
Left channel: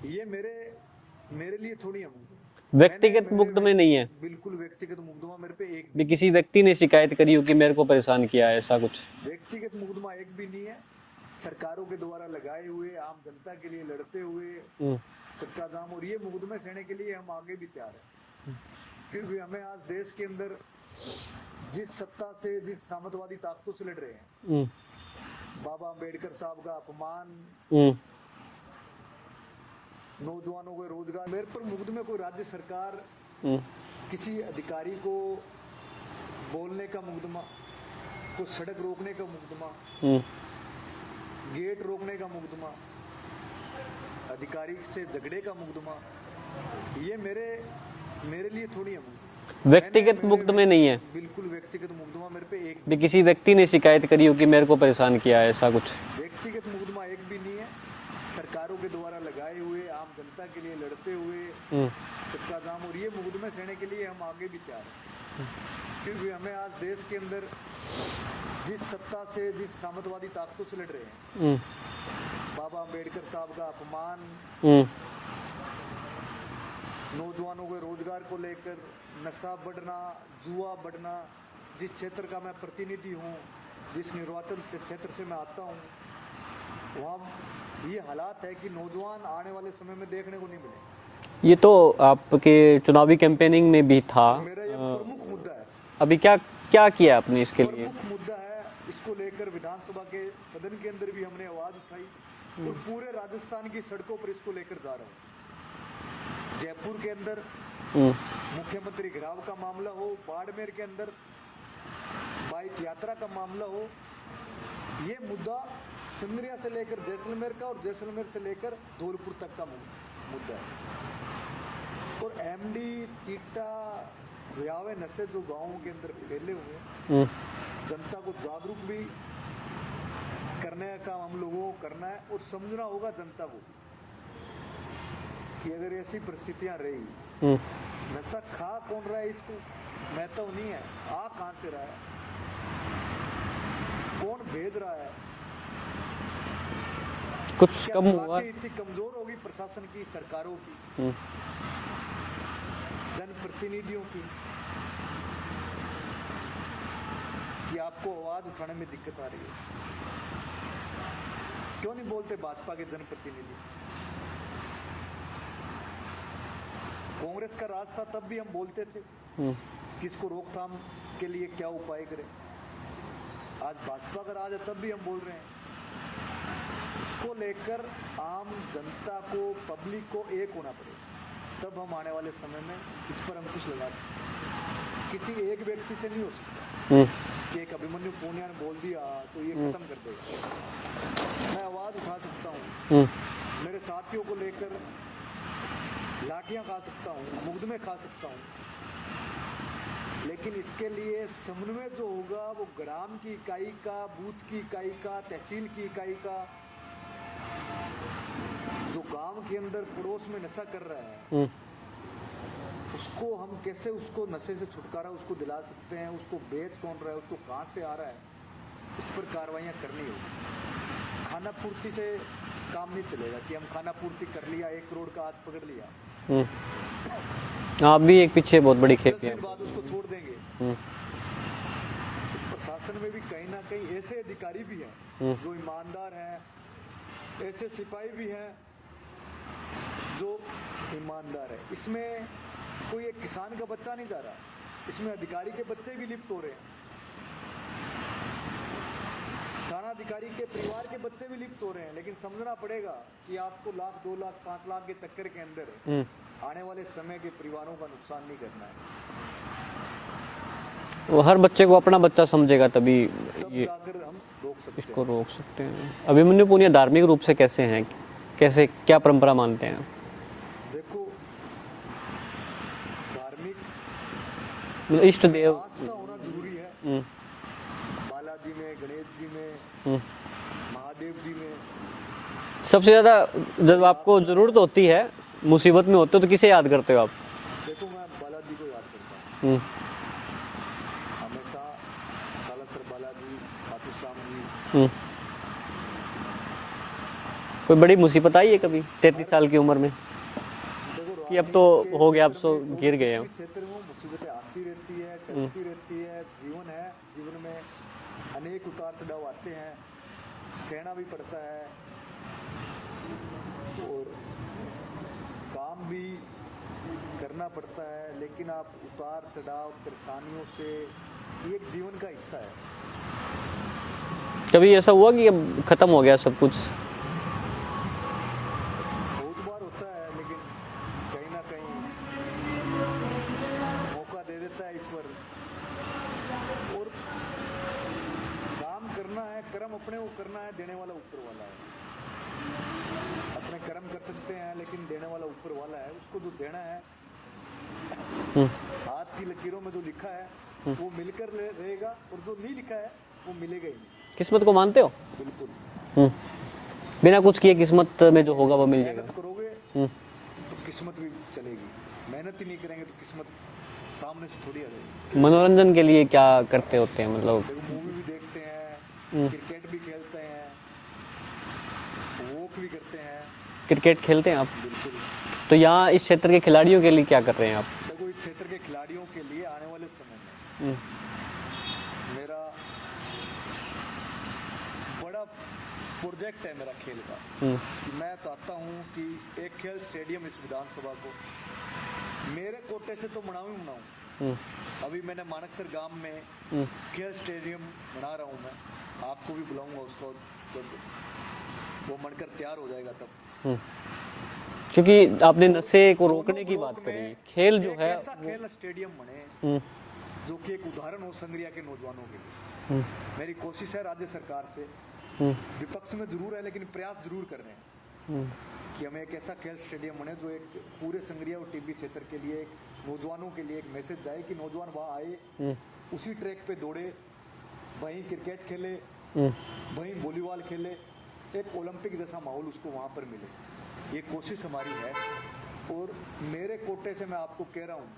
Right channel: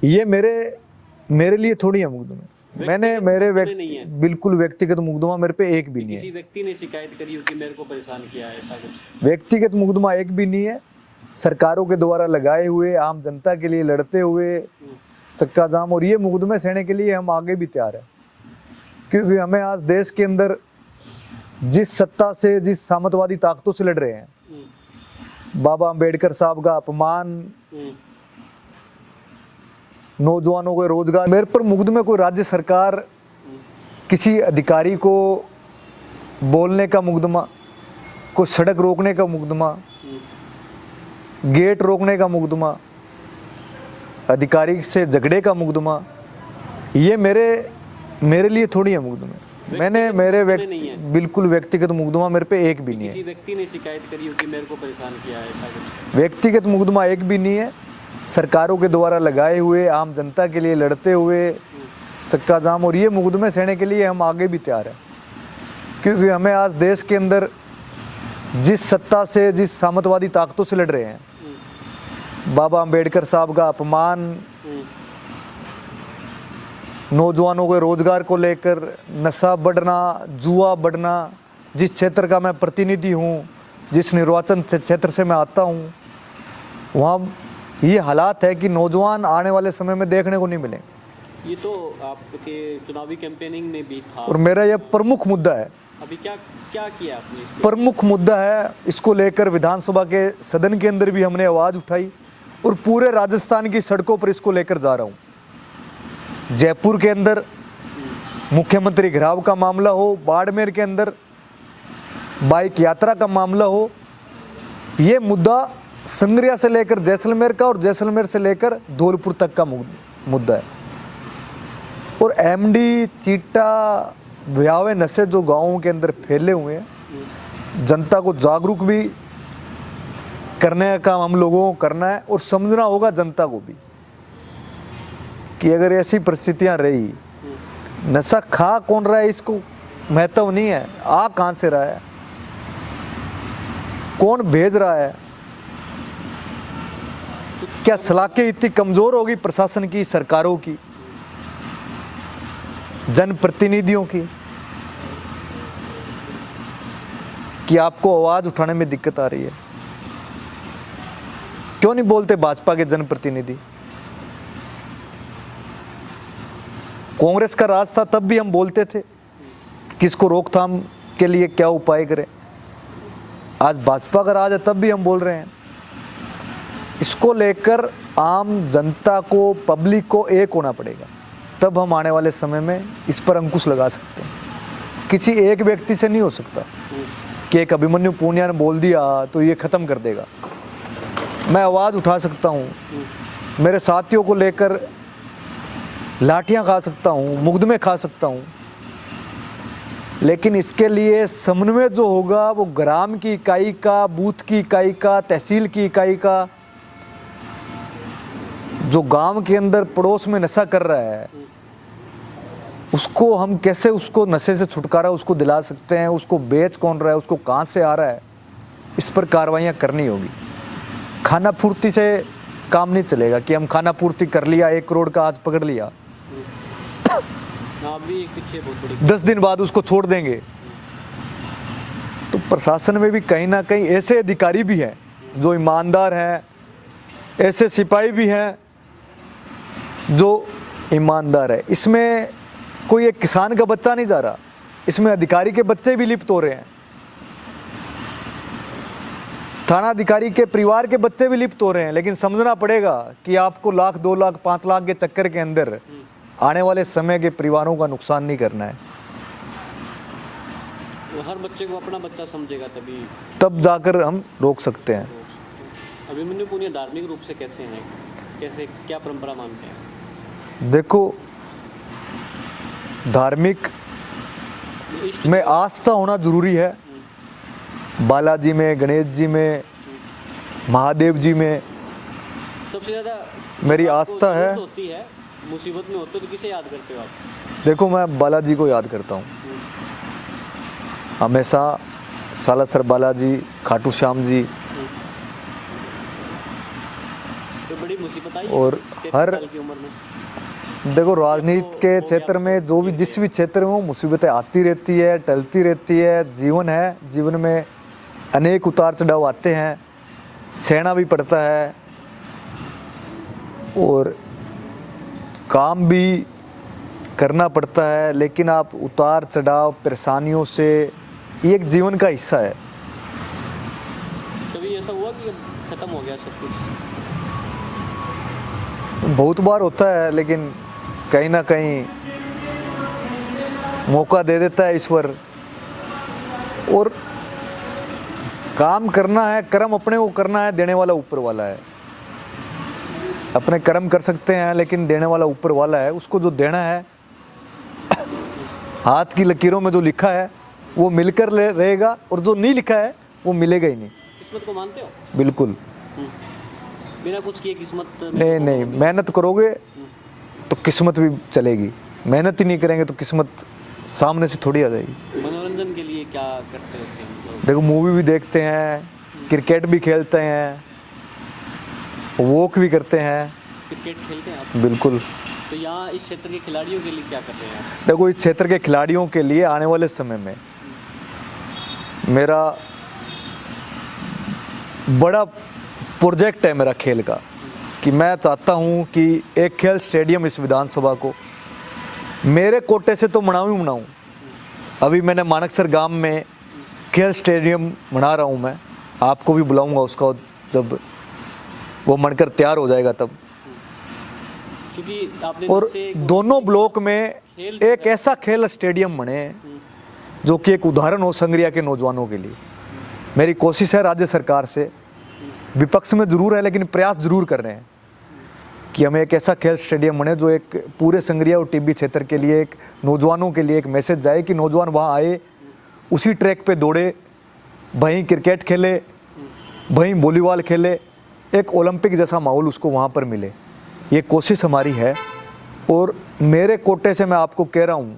ये मेरे लिए थोड़ी है मुकदमे। व्यक्तिगत मुकदमे नहीं है? बिल्कुल व्यक्तिगत मुकदमा मेरे पे एक भी कि नहीं किसी है। व्यक्ति ने शिकायत करी हो कि मेरे को परेशान किया है, ऐसा कुछ? व्यक्तिगत मुकदमा एक भी नहीं है। सरकारों के द्वारा लगाए हुए, आम जनता के लिए लड़ते हुए हम्म, चक्का जाम, और ये मुकदमे सहने के लिए हम आगे भी तैयार हैं, क्योंकि हमें आज देश के अंदर जिस सत्ता से, जिस सामंतवादी ताकतों से लड़ रहे हैं, हम्म, बाबा अंबेडकर साहब का अपमान, हम्म, नौजवानों को रोजगार, मेरे पर मुकदमे कोई राज्य सरकार, हम्म, किसी अधिकारी को बोलने का मुकदमा, कोई सड़क रोकने का मुकदमा, हम्म, गेट रोकने का मुकदमा, अधिकारी से झगड़े का मुकदमा, ये मेरे लिए थोड़ी है मुकदमे। व्यक्तिगत मुकदमे नहीं है? बिल्कुल व्यक्तिगत मुकदमा मेरे पे एक भी कि नहीं किसी है। व्यक्ति ने शिकायत करी हो कि मेरे को परेशान किया है, ऐसा कुछ? व्यक्तिगत मुकदमा एक भी नहीं है। सरकारों के द्वारा लगाए हुए, आम जनता के लिए लड़ते हुए हम्म, चक्का जाम, और ये मुकदमे सहने के लिए हम आगे भी तैयार हैं, क्योंकि हमें आज देश के अंदर जिस सत्ता से, जिस सामंतवादी ताकतों से लड़ रहे हैं, हम्म, बाबा अंबेडकर साहब का अपमान, हम्म, नौजवानों के रोजगार को लेकर नशा बढ़ना, जुआ बढ़ना, जिस क्षेत्र का मैं प्रतिनिधि हूँ, जिस निर्वाचन क्षेत्र से मैं आता हूँ, वहाँ ये हालात है कि नौजवान आने वाले समय में देखने को नहीं मिलेंगे। ये तो आपके चुनावी कैंपेनिंग में भी था, और मेरा यह प्रमुख मुद्दा है, अभी क्या क्या किया आपने इसके? प्रमुख मुद्दा है। इसको लेकर विधानसभा के सदन के अंदर भी हमने आवाज उठाई, और पूरे राजस्थान की सड़कों पर इसको लेकर जा रहा हूँ। जयपुर के अंदर मुख्यमंत्री घेराव का मामला हो, बाड़मेर के अंदर बाइक यात्रा का मामला हो, ये मुद्दा संग्रिया से लेकर जैसलमेर का, और जैसलमेर से लेकर धौलपुर तक का मुद्दा है। और एमडी, चीटा, भयावह नशे जो गांवों के अंदर फैले हुए हैं, जनता को जागरूक भी करने का काम हम लोगों को करना है, और समझना होगा जनता को भी कि अगर ऐसी परिस्थितियां रही, नशा खा कौन रहा है इसको महत्व नहीं है, आ कहां से रहा है, कौन भेज रहा है, कुछ क्या कम सलाखें इतनी कमजोर होगी प्रशासन की, सरकारों की, जनप्रतिनिधियों की, कि आपको आवाज उठाने में दिक्कत आ रही है? क्यों नहीं बोलते भाजपा के जनप्रतिनिधि? कांग्रेस का राज था तब भी हम बोलते थे कि इसको रोकथाम के लिए क्या उपाय करें। आज भाजपा का राज है तब भी हम बोल रहे हैं। इसको लेकर आम जनता को, पब्लिक को एक होना पड़ेगा, तब हम आने वाले समय में इस पर अंकुश लगा सकते हैं। किसी एक व्यक्ति से नहीं हो सकता कि एक अभिमन्यु पूनिया ने बोल दिया तो ये खत्म कर देगा। मैं आवाज उठा सकता हूँ, मेरे साथियों को लेकर लाठियां खा सकता हूँ, मुकदमे खा सकता हूँ, लेकिन इसके लिए समन्वय जो होगा वो ग्राम की इकाई का, बूथ की इकाई का, तहसील की इकाई का, जो गांव के अंदर पड़ोस में नशा कर रहा है, उसको हम कैसे, उसको नशे से छुटकारा उसको दिला सकते हैं, उसको बेच कौन रहा है, उसको कहाँ से आ रहा है, इस पर कार्रवाइयाँ करनी होगी। खाना पूर्ति से काम नहीं चलेगा कि हम खाना पूर्ति कर लिया, 1 करोड़ का आज पकड़ लिया, आप भी एक पीछे बहुत बड़ी 10 दिन बाद उसको छोड़ देंगे। तो प्रशासन में भी कहीं ना कहीं ऐसे अधिकारी भी हैं जो ईमानदार हैं, ऐसे सिपाही भी हैं जो ईमानदार है। इसमें कोई एक किसान का बच्चा नहीं जा रहा, इसमें अधिकारी के बच्चे भी लिप्त हो रहे हैं, थाना अधिकारी के परिवार के बच्चे भी लिप्त हो रहे हैं। लेकिन समझना पड़ेगा कि आपको लाख 2 लाख 5 लाख के चक्कर के अंदर आने वाले समय के परिवारों का नुकसान नहीं करना है। वो हर बच्चे को अपना बच्चा समझेगा तभी तब जाकर हम रोक सकते हैं। रोक सकते हैं। अभिमन्यु पुनिया धार्मिक रूप से कैसे हैं, कैसे क्या परंपरा मानते हैं? देखो, धार्मिक इष्ट में देव- आस्था होना जरूरी है। बालाजी में, गणेश जी में, महादेव जी में सबसे ज्यादा मेरी जब आपको आस्था है। जरूरत होती है, मुसीबत में होते हो तो किसे याद करते हो आप? देखो, मैं बालाजी को याद करता हूँ हमेशा। सालासर बालाजी, खाटू श्याम जी। कोई बड़ी मुसीबत आई है और कभी 33 हर- साल की उम्र में? देखो, राजनीति के हो गया, क्षेत्र अब में तो जो भी गिर गए जिस हो। भी क्षेत्र में हो, मुसीबतें आती रहती है, टलती रहती है। जीवन है, जीवन में अनेक उतार चढ़ाव आते हैं, सहना भी पड़ता है और काम भी करना पड़ता है। लेकिन आप उतार चढ़ाव, परेशानियों से, ये एक जीवन का हिस्सा है। कभी ऐसा हुआ कि अब खत्म हो गया सब कुछ? बहुत बार होता है, लेकिन कहीं ना कहीं मौका दे देता है ईश्वर। और काम करना है, कर्म अपने को करना है, देने वाला ऊपर वाला है। अपने कर्म कर सकते हैं, लेकिन देने वाला ऊपर वाला है। उसको जो देना है, हाथ की लकीरों में जो लिखा है वो मिलकर रहेगा, और जो नहीं लिखा है वो मिलेगा ही नहीं। किस्मत को मानते हो? बिल्कुल बिना कुछ किए किस्मत में जो नहीं। होगा वो नहीं, मिलेगा। मेहनत करोगे तो किस्मत भी चलेगी, मेहनत ही नहीं करेंगे तो किस्मत सामने से थोड़ी आ जाएगी। मनोरंजन के लिए क्या करते होते हैं मतलब? देखो, मूवी भी देखते हैं, क्रिकेट भी खेलते हैं, वॉक भी करते हैं। क्रिकेट खेलते हैं आप? बिल्कुल। तो यहाँ इस क्षेत्र के खिलाड़ियों के लिए क्या कर रहे हैं आप? देखो, इस क्षेत्र के खिलाड़ियों के लिए आने वाले समय में मेरा बड़ा प्रोजेक्ट है, मेरा खेल का, कि मैं चाहता हूँ कि एक खेल स्टेडियम इस विधानसभा को मेरे कोटे से तो बनाऊँ ही बनाऊँ। अभी मैंने मानकसर गांव में खेल स्टेडियम बना रहा हूँ। मैं आपको भी बुलाऊंगा उसका, जब वो बनकर तैयार हो जाएगा तब। क्योंकि आपने और नशे को दोनों रोकने की ब्लॉक बात में करी। खेल जो एक है- ऐसा खेल स्टेडियम बने जो कि एक उदाहरण हो संग्रिया के नौजवानों के लिए। मेरी कोशिश है राज्य सरकार से, विपक्ष में जरूर है लेकिन प्रयास जरूर कर रहे हैं कि हमें एक ऐसा खेल स्टेडियम बने जो एक पूरे संग्रिया और टीबी क्षेत्र के लिए, एक नौजवानों के लिए एक मैसेज जाए कि नौजवान वहाँ आए, उसी ट्रैक पे दौड़े, वहीं क्रिकेट खेले, वहीं वॉलीबॉल खेले, एक ओलंपिक जैसा माहौल उसको वहाँ पर मिले। ये कोशिश हमारी है और मेरे कोटे से मैं आपको कह रहा हूँ,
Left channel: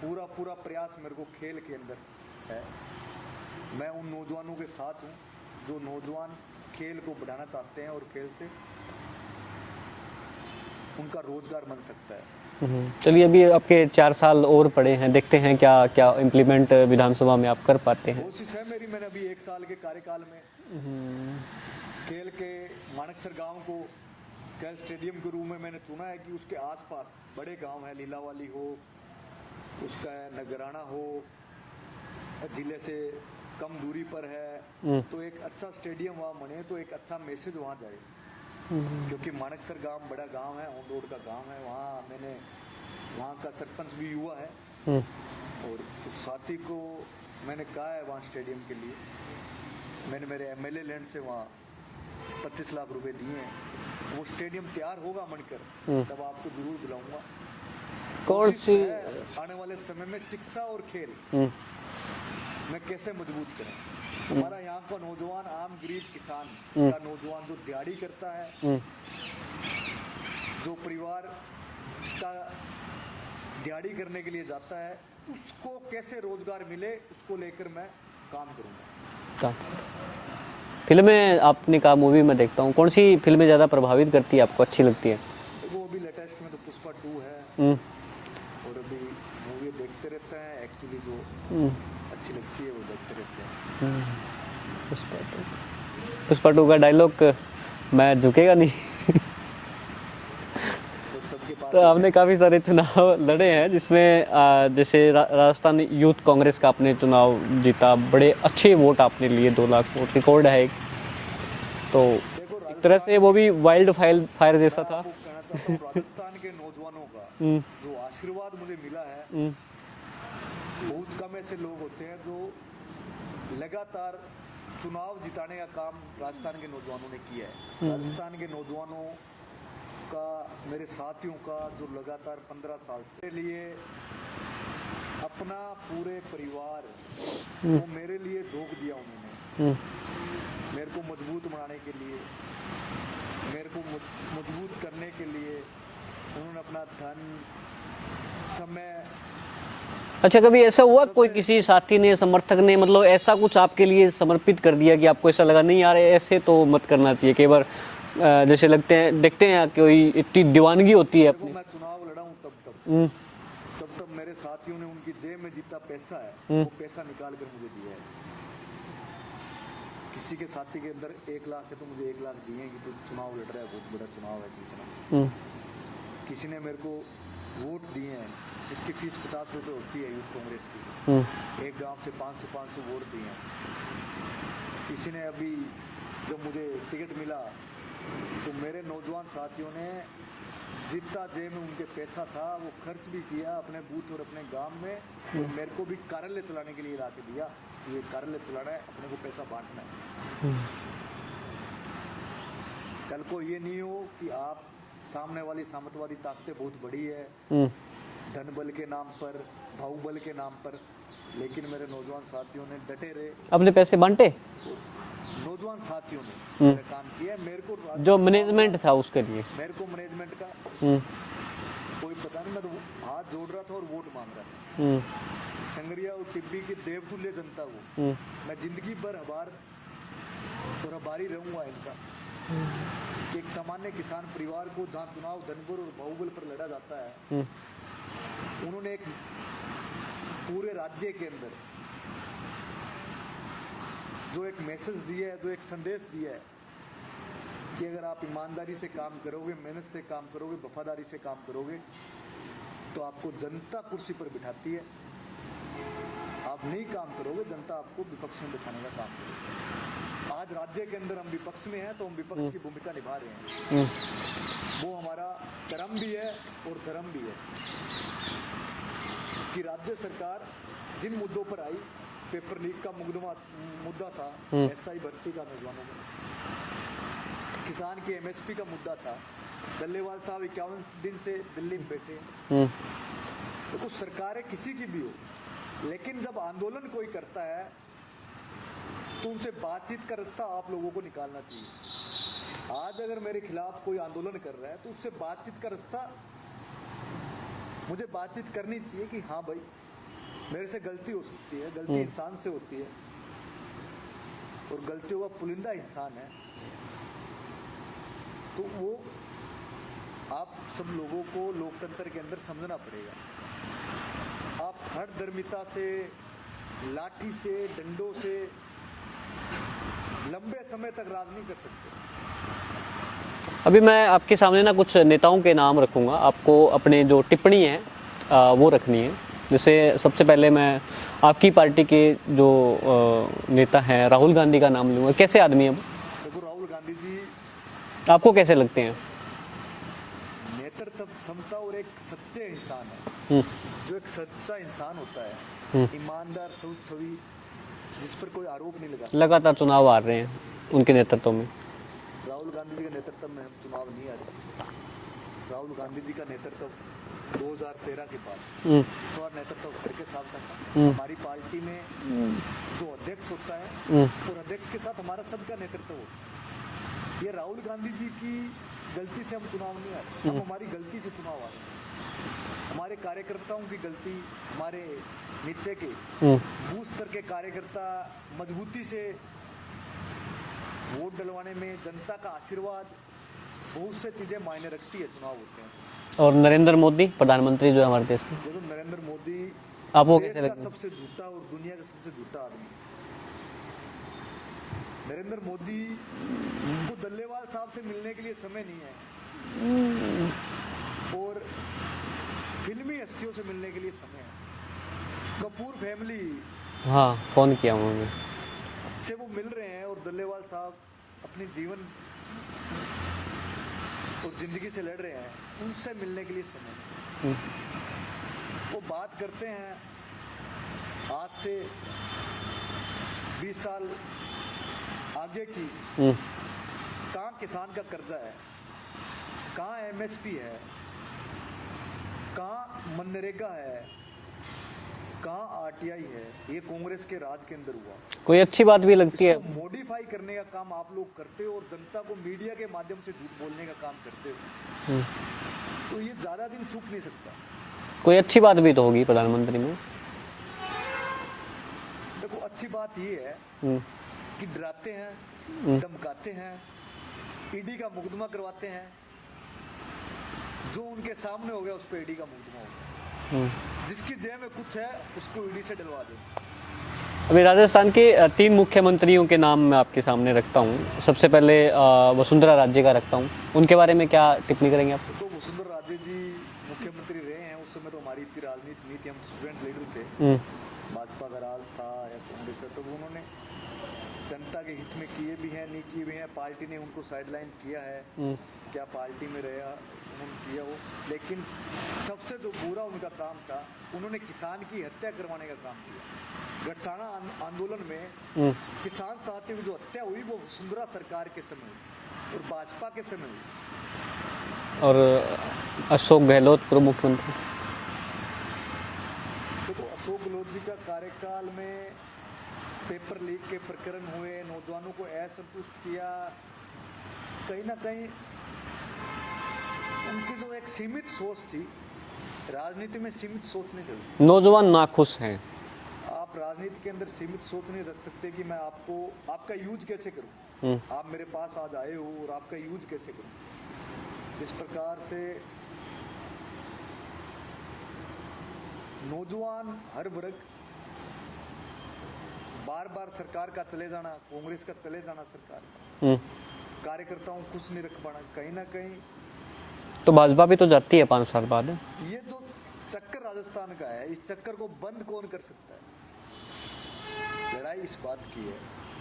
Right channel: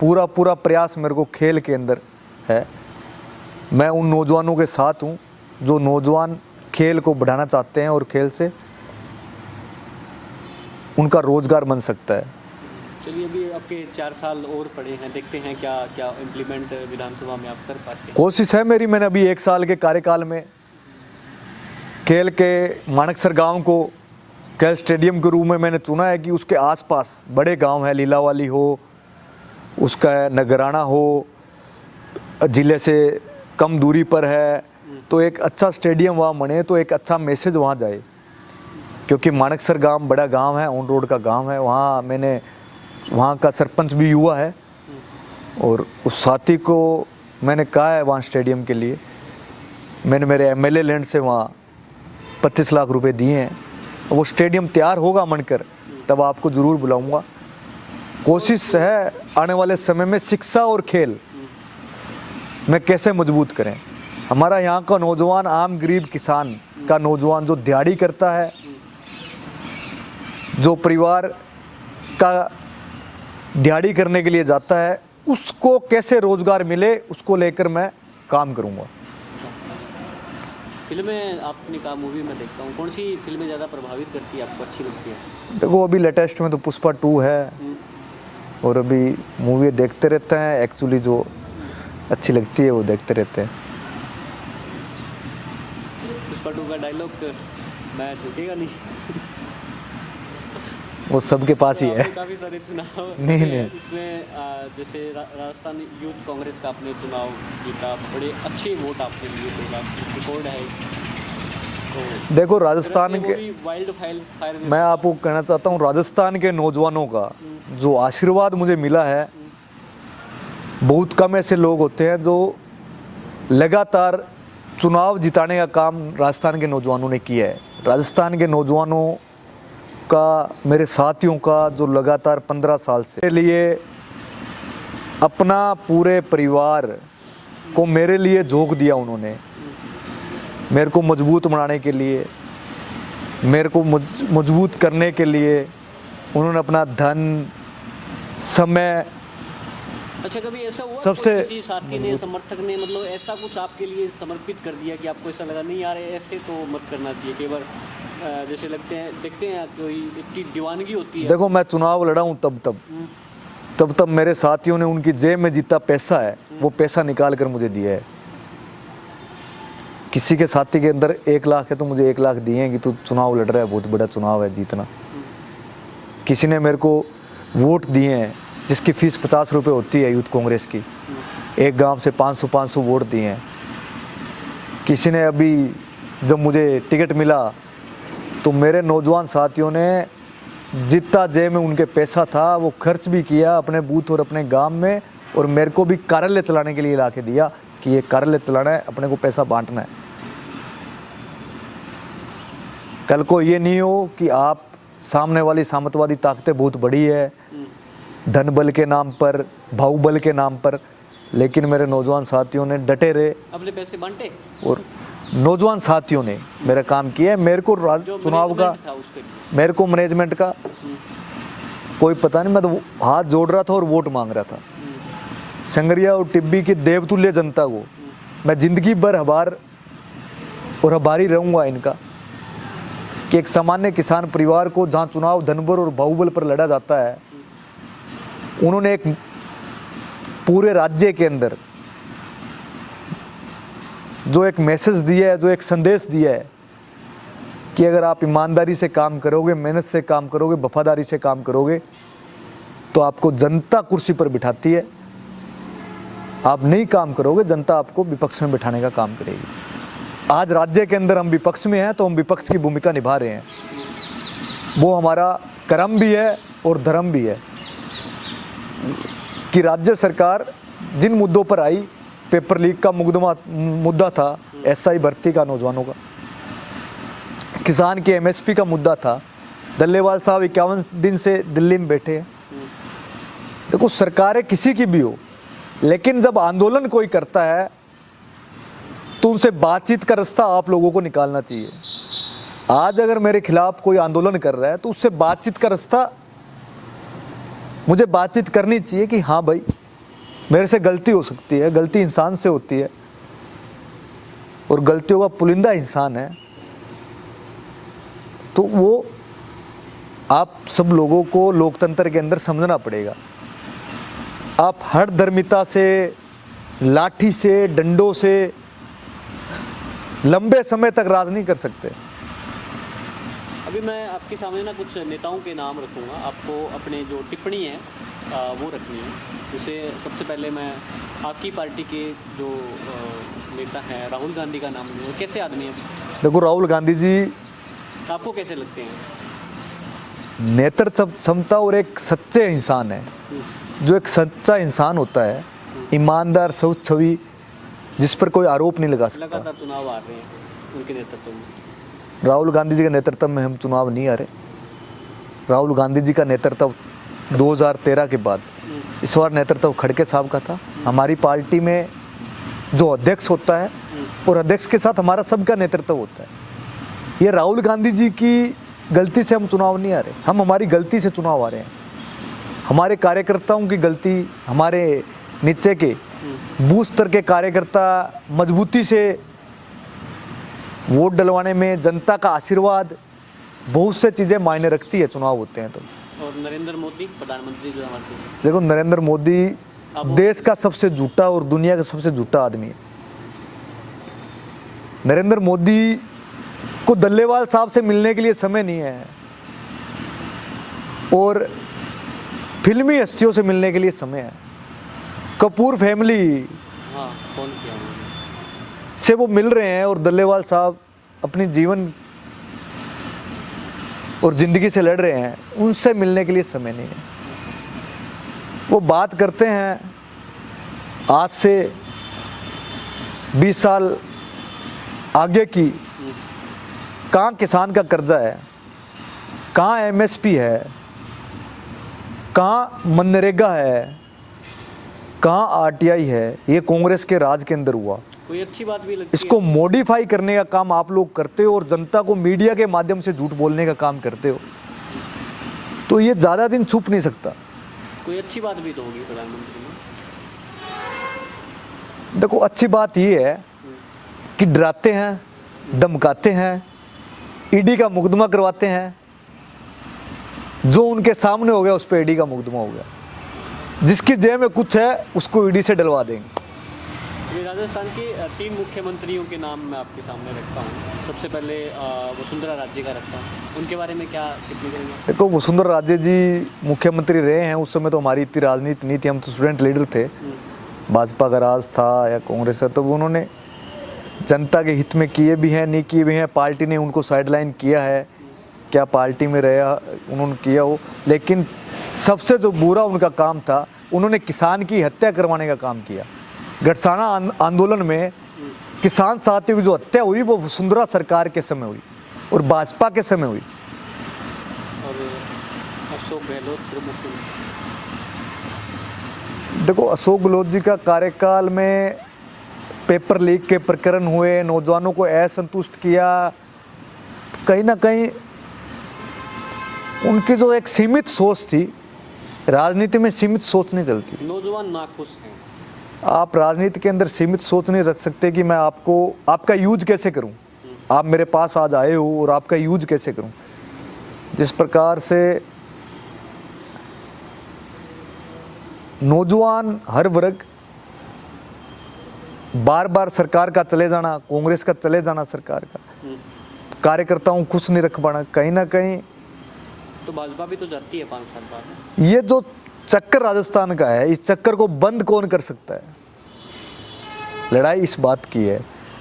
पूरा पूरा प्रयास मेरे को खेल के अंदर है। मैं उन नौजवानों के साथ हूँ जो नौजवान खेल को बढ़ाना चाहते हैं और खेल से उनका रोजगार बन सकता है। चलिए, अभी आपके 4 साल और पड़े हैं, देखते हैं क्या क्या इम्प्लीमेंट विधानसभा में आप कर पाते हैं। कोशिश है मेरी, मैंने अभी 1 साल के कार्यकाल में खेल के मानकसर गांव को खेल स्टेडियम के रूप में मैंने चुना है कि उसके आसपास बड़े गांव हैं, लीलावाली हो, उसका नगराना हो, जिले से कम दूरी पर है, तो एक अच्छा स्टेडियम वहाँ बने तो एक अच्छा मैसेज वहाँ जाए। क्योंकि मानकसर गांव बड़ा गांव है, ऑन रोड का गांव है, वहाँ मैंने वहाँ का सरपंच भी हुआ है और उस साथी को मैंने कहा है वहाँ स्टेडियम के लिए, मैंने मेरे एमएलए लैंड से वहाँ 25 लाख रुपए दिए हैं। वो स्टेडियम तैयार होगा बनकर तब आपको ज़रूर बुलाऊंगा। कोशिश है आने वाले समय में शिक्षा और खेल में कैसे मजबूत करें। हमारा यहाँ का नौजवान, आम गरीब किसान का नौजवान जो दिहाड़ी करता है, जो परिवार का दिहाड़ी करने के लिए जाता है, उसको कैसे रोजगार मिले, उसको लेकर मैं काम करूँगा। फिल्में आपने कहा मूवी में देखता हूँ, कौन सी फिल्में ज़्यादा प्रभावित करती है आपको, अच्छी लगती है? देखो, अभी लेटेस्ट में तो पुष्पा 2 है और अभी मूवी देखते रहते हैं। एक्चुअली जो अच्छी लगती है वो देखते रहते हैं। पुष्पा 2 का डायलॉग, मैं झुकेगा नहीं। वो सबके पास तो ही आपने है। काफी सारे चुनाव नहीं, लड़े हैं नहीं। जिसमें जैसे राजस्थान यूथ कांग्रेस का आपने चुनाव जीता, बड़े अच्छे वोट आपने लिए, 2 लाख वोट रिकॉर्ड है एक। तो देखो तरह राजस्थान से वो के, भी वाइल्ड फायर जैसा मैं था। आपको कहना चाहता हूँ राजस्थान के नौजवानों का जो आशीर्वाद मुझे मिला है, बहुत कम ऐसे लोग होते हैं जो लगातार चुनाव जिताने का काम राजस्थान के नौजवानों ने किया है। राजस्थान के नौजवानों का, मेरे साथियों का, जो लगातार 15 साल से लिए अपना पूरे परिवार को मेरे लिए झोंक दिया उन्होंने, मेरे को मजबूत बनाने के लिए, मेरे को मजबूत करने के लिए उन्होंने अपना धन, समय। अच्छा, कभी ऐसा हुआ कोई सबसे किसी साथी ने, समर्थक ने मतलब ऐसा कुछ आपके लिए समर्पित कर दिया कि आपको ऐसा लगा नहीं यार ऐसे तो मत करना चाहिए? कई बार जैसे लगते हैं, देखते हैं कोई इतनी दीवानगी होती है। देखो मैं चुनाव लड़ा हूँ तब मेरे साथियों ने उनकी जेब में जितना पैसा है वो पैसा निकाल कर मुझे दिया है। किसी के साथी के अंदर 1 लाख है तो मुझे 1 लाख दिए हैं कि तू चुनाव लड़ रहा है, बहुत बड़ा चुनाव है जीतना। किसी ने मेरे को वोट दिए हैं जिसकी फीस 50 रुपये होती है यूथ कांग्रेस की, एक गांव से 500 वोट दिए हैं। किसी ने अभी जब मुझे टिकट मिला तो मेरे नौजवान साथियों ने जितना जेब में उनके पैसा था वो खर्च भी किया अपने बूथ और अपने गांव में, और मेरे को भी कार्यालय चलाने के लिए ला के दिया कि ये कार्यालय चलाना है, अपने को पैसा बांटना है। कल को ये नहीं हो कि आप सामने वाली सामंतवादी ताकतें बहुत बड़ी है धन बल के नाम पर, बाहुबल के नाम पर, लेकिन मेरे नौजवान साथियों ने डटे रहे, अपने पैसे बांटे और नौजवान साथियों ने मेरा काम किया है। मेरे को जो चुनाव मैनेजमेंट का, था उसके लिए मेरे को मैनेजमेंट का कोई पता नहीं, मैं तो हाथ जोड़ रहा था और वोट मांग रहा था। संगरिया और टिब्बी की देवतुल्य जनता को मैं जिंदगी भर आभार और आभारी रहूंगा इनका कि एक सामान्य किसान परिवार को जहां चुनाव धनबर और बाहुबल पर लड़ा जाता है, उन्होंने एक पूरे राज्य के अंदर जो एक मैसेज दिया है, जो एक संदेश दिया है कि अगर आप ईमानदारी से काम करोगे, मेहनत से काम करोगे, वफादारी से काम करोगे तो आपको जनता कुर्सी पर बिठाती है। आप नहीं काम करोगे, जनता आपको विपक्ष में बिठाने का काम करेगी। आज राज्य के अंदर हम विपक्ष में हैं तो हम विपक्ष की भूमिका निभा रहे हैं, वो हमारा कर्म भी है और धर्म भी है कि राज्य सरकार जिन मुद्दों पर आई, पेपर लीक का मुद्दा था, एसआई भर्ती का नौजवानों का, किसान के एमएसपी का मुद्दा था, दल्लेवाल साहब 51 दिन से दिल्ली में बैठे हैं। देखो सरकारें किसी की भी हो, लेकिन जब आंदोलन कोई करता है तो उनसे बातचीत का रास्ता आप लोगों को निकालना चाहिए। आज अगर मेरे खिलाफ कोई आंदोलन कर रहा है तो उससे बातचीत का रास्ता, मुझे बातचीत करनी चाहिए कि हाँ भाई मेरे से गलती हो सकती है, गलती इंसान से होती है और गलतियों का पुलिंदा इंसान है, तो वो आप सब लोगों को लोकतंत्र के अंदर समझना पड़ेगा। आप हर धर्मिता से, लाठी से, डंडों से लंबे समय तक राज नहीं कर सकते। अभी मैं आपके सामने ना कुछ नेताओं के नाम रखूंगा, आपको अपने जो टिप्पणी है वो रखनी है। जैसे सबसे पहले मैं आपकी पार्टी के जो नेता हैं राहुल गांधी का नाम लूँगा। कैसे आदमी हैं? देखो राहुल गांधी जी आपको कैसे लगते हैं? नेतृत्व क्षमता और एक सच्चे इंसान है। जो एक सच्चा इंसान होता है, ईमानदार, सच छवि, जिस पर कोई आरोप नहीं लगा सकता। लगातार चुनाव आ रहे हैं उनके नेतृत्व में। राहुल गांधी जी के नेतृत्व में हम चुनाव नहीं आ रहे। राहुल गांधी जी का नेतृत्व 2013 के बाद, इस बार नेतृत्व खड़गे साहब का था। हमारी पार्टी में जो अध्यक्ष होता है और अध्यक्ष के साथ हमारा सबका नेतृत्व होता है। ये राहुल गांधी जी की गलती से हम चुनाव नहीं आ रहे, हम हमारी गलती से चुनाव आ रहे हैं। हमारे कार्यकर्ताओं की गलती, हमारे नीचे के बूथ स्तर के कार्यकर्ता मजबूती से वोट डलवाने में, जनता का आशीर्वाद, बहुत से चीजें मायने रखती है चुनाव होते हैं तो। और नरेंद्र मोदी प्रधानमंत्री जो है हमारे देश में, देखो नरेंद्र मोदी देश का सबसे झूठा और दुनिया का सबसे झूठा आदमी है। नरेंद्र मोदी को दल्लेवाल साहब से मिलने के लिए समय नहीं है। और फिल्मी हस्तियों से मिलने के लिए समय है। कपूर फैमिली हाँ, फोन किया उन्होंने। से वो मिल रहे हैं और डल्लेवाल साहब अपनी जीवन और जिंदगी से लड़ रहे हैं, उनसे मिलने के लिए समय नहीं है। वो बात करते हैं आज से 20 साल आगे की, कहाँ किसान का कर्जा है, कहाँ एमएसपी है, कहाँ मनरेगा है, कहाँ आरटीआई है। ये कांग्रेस के राज के अंदर हुआ। कोई अच्छी बात भी लगती इसको है? मॉडिफाई करने का काम आप लोग करते हो और जनता को मीडिया के माध्यम से झूठ बोलने का काम करते हो, तो ये ज्यादा दिन छुप नहीं सकता। कोई अच्छी बात भी तो होगी प्रधानमंत्री में। देखो, अच्छी बात ये है कि डराते हैं, धमकाते हैं, ईडी का मुकदमा करवाते हैं। जो उनके सामने हो गया उस पर ईडी का मुकदमा हो गया। जिसकी जेब में कुछ है उसको ईडी से डलवा देंगे। अभी राजस्थान के 3 मुख्यमंत्रियों के नाम मैं आपके सामने रखता हूँ। सबसे पहले वसुंधरा राजे का रखता हूँ, उनके बारे में क्या टिप्पणी करेंगे आप? देखो, वसुंधरा राजे जी मुख्यमंत्री रहे हैं। उस समय तो हमारी इतनी राजनीति नहीं थी, हम तो स्टूडेंट लीडर थे। भाजपा का राज था या कांग्रेस का, तो उन्होंने जनता के हित में किए भी हैं, नहीं किए भी हैं। पार्टी ने उनको साइडलाइन किया है, क्या पार्टी में रहा उन्होंने किया हो। लेकिन सबसे जो बुरा उनका काम था, उन्होंने किसान की हत्या करवाने का काम किया। गठसाना आंदोलन में किसान साथियों की जो हत्या हुई वो वसुंधरा सरकार के समय हुई और भाजपा के समय हुई। और अशोक गहलोत पूर्व मुख्यमंत्री, देखो, अशोक गहलोत जी का कार्यकाल में पेपर लीक के प्रकरण हुए, नौजवानों को असंतुष्ट किया। कहीं ना कहीं उनकी जो एक सीमित सोच थी, राजनीति में सीमित सोच नहीं चलती। नौजवान नाखुश हैं। आप राजनीति के अंदर सीमित सोच नहीं रख सकते कि मैं आपको आपका यूज कैसे करूं। आप मेरे पास आज आए हो और आपका यूज कैसे करूं। जिस प्रकार से नौजवान हर वर्ग बार बार सरकार का चले जाना, कांग्रेस का चले जाना, सरकार का कार्यकर्ताओं खुश नहीं रख पाना, कहीं ना कहीं तो भाजपा भी तो जाती है 5 साल बाद। ये जो चक्कर राजस्थान का है, इस चक्कर को बंद कौन कर सकता है? लड़ाई इस बात की है।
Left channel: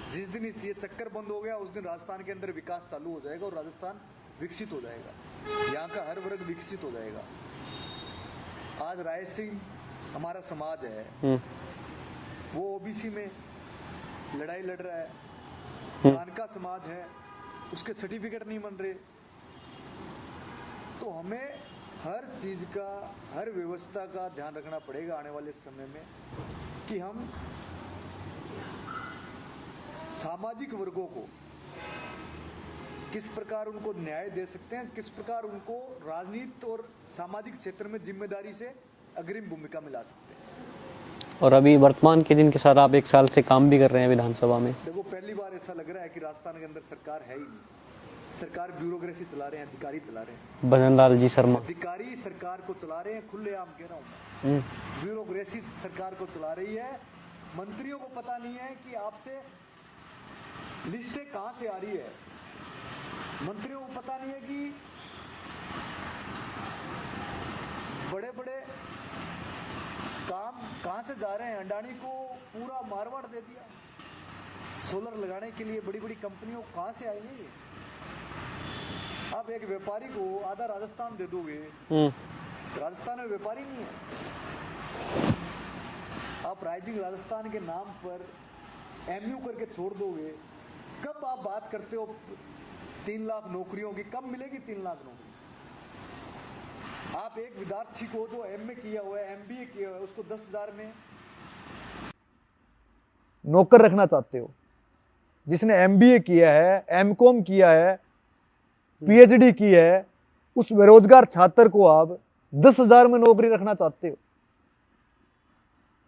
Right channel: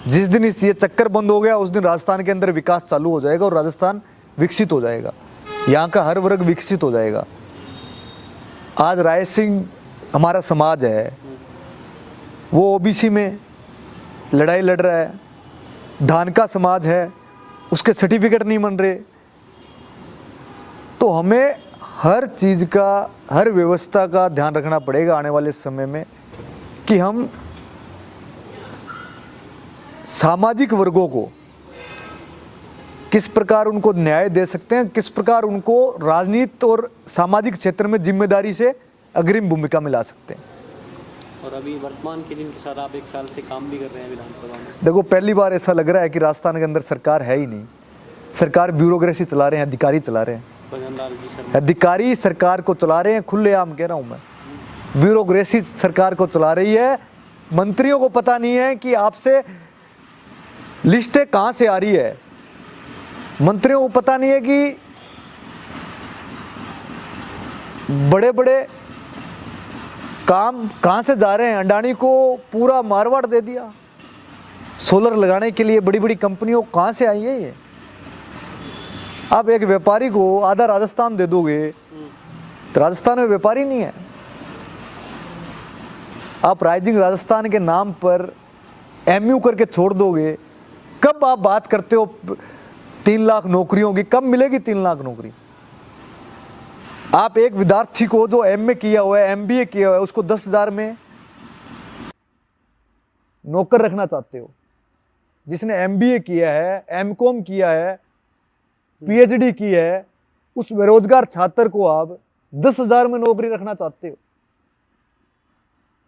जिस दिन ये चक्कर बंद हो गया उस दिन राजस्थान के अंदर विकास चालू हो जाएगा और राजस्थान विकसित हो जाएगा। यहाँ का हर वर्ग विकसित हो जाएगा। आज राय सिंह हमारा समाज है, वो ओबीसी में लड़ाई लड़ रहा है। धानका समाज है, उसके सर्टिफिकेट नहीं बन रहे। तो हमें हर चीज का, हर व्यवस्था का ध्यान रखना पड़ेगा आने वाले समय में कि हम सामाजिक वर्गों को किस प्रकार उनको न्याय दे सकते हैं, किस प्रकार उनको राजनीति और सामाजिक क्षेत्र में जिम्मेदारी से अग्रिम भूमिका में ला सकते हैं। और अभी वर्तमान के जिनके साथ आप 1 साल से काम भी कर रहे हैं विधानसभा में, देखो, पहली बार ऐसा लग रहा है कि राजस्थान के अंदर सरकार है ही नहीं। सरकार ब्यूरोक्रेसी चला रहे हैं, अधिकारी चला रहे हैं। भजन लाल जी शर्मा अधिकारी सरकार को चला रहे हैं, खुलेआम कह रहा हूं मैं। ब्यूरोक्रेसी सरकार को चला रही है। मंत्रियों को पता नहीं है कि आपसे लिस्टें कहां से आ रही है। मंत्रियों को पता नहीं है कि बड़े बड़े काम कहां से जा रहे हैं। अडानी को पूरा मारवाड़ दे दिया सोलर लगाने के लिए, बड़ी बड़ी कंपनियों कहां से आई है ये। आप एक व्यापारी को आधा राजस्थान दे दोगे तो राजस्थान में व्यापारी नहीं है। आप राइजिंग राजस्थान के नाम पर एमयू करके छोड़ दोगे। कब आप बात करते हो 3 लाख नौकरियों की? कब मिलेगी 3 लाख नौकरी? आप एक विद्यार्थी को जो एमए किया हुआ है, एमबीए किया हुआ है, उसको 10,000 में नौकर रखना चाहते हो। जिसने एमबीए किया है, एमकॉम किया है, पीएचडी की है, उस बेरोजगार छात्र को आप 10,000 में नौकरी रखना चाहते हो,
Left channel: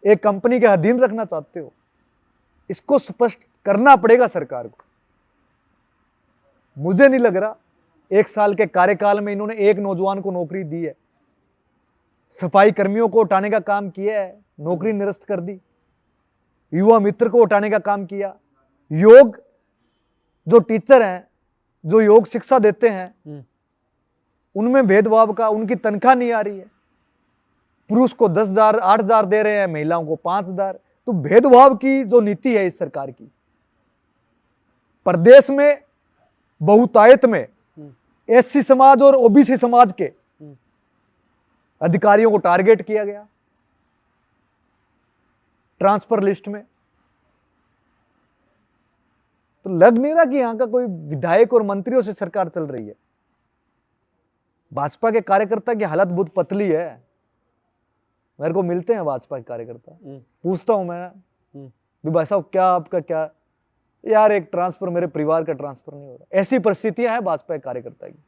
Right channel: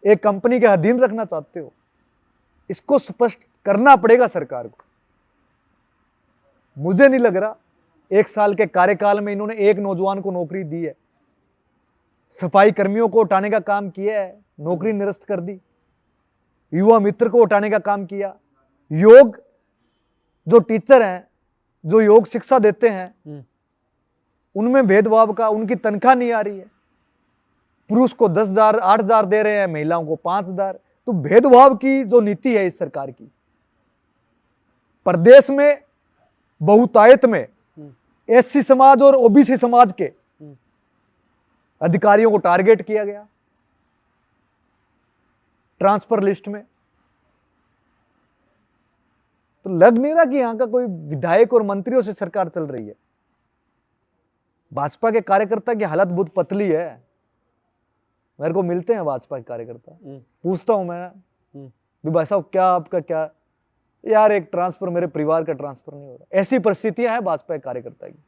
एक कंपनी के अधीन रखना चाहते हो। इसको स्पष्ट करना पड़ेगा सरकार को। मुझे नहीं लग रहा 1 साल के कार्यकाल में इन्होंने एक नौजवान को नौकरी दी है। सफाई कर्मियों को उठाने का काम किया है, नौकरी निरस्त कर दी। युवा मित्र को उठाने का काम किया। योग जो टीचर हैं, जो योग शिक्षा देते हैं, उनमें भेदभाव का, उनकी तनख्वाह नहीं आ रही है, पुरुष को 10,000 8,000 दे रहे हैं, महिलाओं को 5,000। तो भेदभाव की जो नीति है इस सरकार की, प्रदेश में बहुतायत में एससी समाज और ओबीसी समाज के अधिकारियों को टारगेट किया गया ट्रांसफर लिस्ट में। तो लग नहीं रहा कि यहां का कोई विधायक और मंत्रियों से सरकार चल रही है। भाजपा के कार्यकर्ता की हालत बहुत पतली है। मेरे को मिलते हैं भाजपा के कार्यकर्ता, पूछता हूं मैं भी भाई साहब क्या आपका क्या, यार एक ट्रांसफर, मेरे परिवार का ट्रांसफर नहीं हो रहा। ऐसी परिस्थितियां हैं भाजपा के कार्यकर्ता की।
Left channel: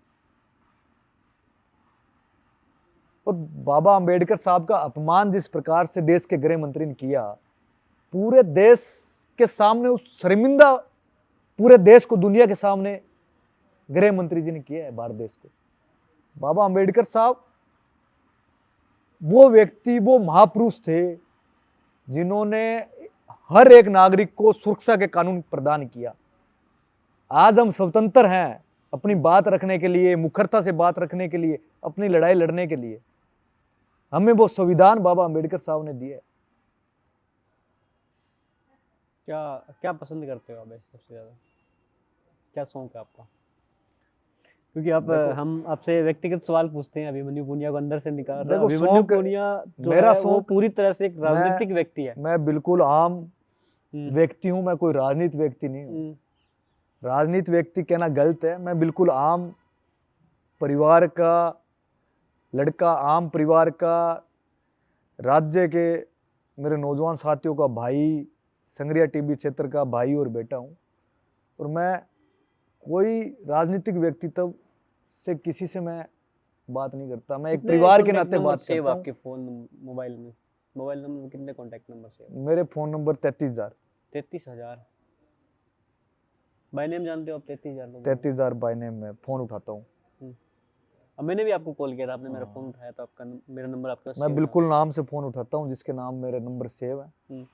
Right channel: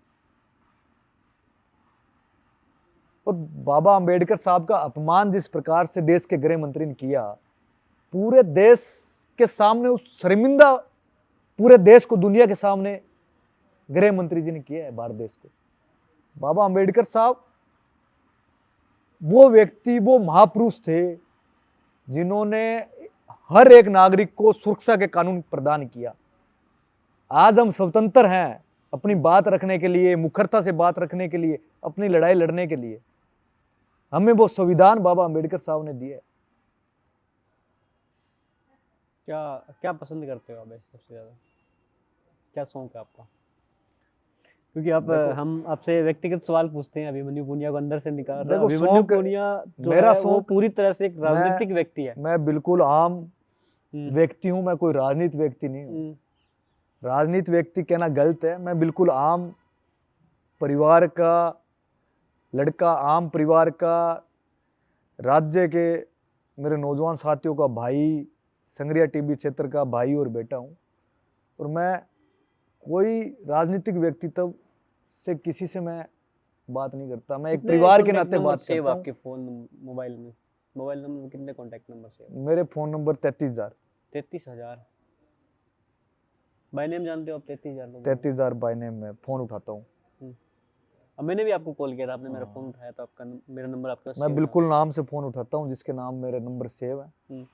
और बाबा अंबेडकर साहब का अपमान जिस प्रकार से देश के गृह मंत्री ने किया, पूरे देश के सामने, उस शर्मिंदा पूरे देश को, दुनिया के सामने गृह मंत्री जी ने किया है भारत देश को। बाबा अंबेडकर साहब वो व्यक्ति, वो महापुरुष थे जिन्होंने हर एक नागरिक को सुरक्षा के कानून प्रदान किया। आज हम स्वतंत्र हैं अपनी बात रखने के लिए, मुखरता से बात रखने के लिए, अपनी लड़ाई लड़ने के लिए। हमें वो संविधान बाबा अंबेडकर साहब ने दिया है। क्या क्या पसंद करते हो आप ऐसे सबसे ज्यादा, क्या शौक है आपका? क्योंकि आप हम आपसे व्यक्तिगत सवाल पूछते हैं। अभिमन्यु पुनिया को अंदर से निकाल रहा है। देखो, अभिमन्यु शौक, पुनिया जो मेरा है वो शौक, पूरी तरह से एक राजनीतिक व्यक्ति है। मैं बिल्कुल आम व्यक्ति हूं, मैं कोई राजनीतिक व्यक्ति नहीं हूं। राजनीतिक व्यक्ति कहना गलत है। मैं बिल्कुल आम परिवार का लड़का, आम परिवार का, राज्य के मेरे नौजवान साथियों का भाई, संगरिया टीबी क्षेत्र का भाई और बेटा हूं। और मैं कोई राजनीतिक व्यक्तित्व से किसी से मैं बात नहीं करता। मैं एक परिवार के नाते बात करता हूं। आपके फोन मोबाइल में, मोबाइल नंबर कितने कॉन्टैक्ट नंबर सेव? मेरे फोन नंबर 33,000। 33,000 बाय नेम जानते हो आप? 33,000 लोग, 33,000 बाय नेम में फोन उठाता हूँ। अब मैंने भी आपको कॉल किया था, आपने मेरा फोन उठाया, तो आपका मेरा नंबर आपके पास मैं सेव बिल्कुल नाम से फोन उठाता हूँ जिसके नाम मेरा नंबर सेव है। है।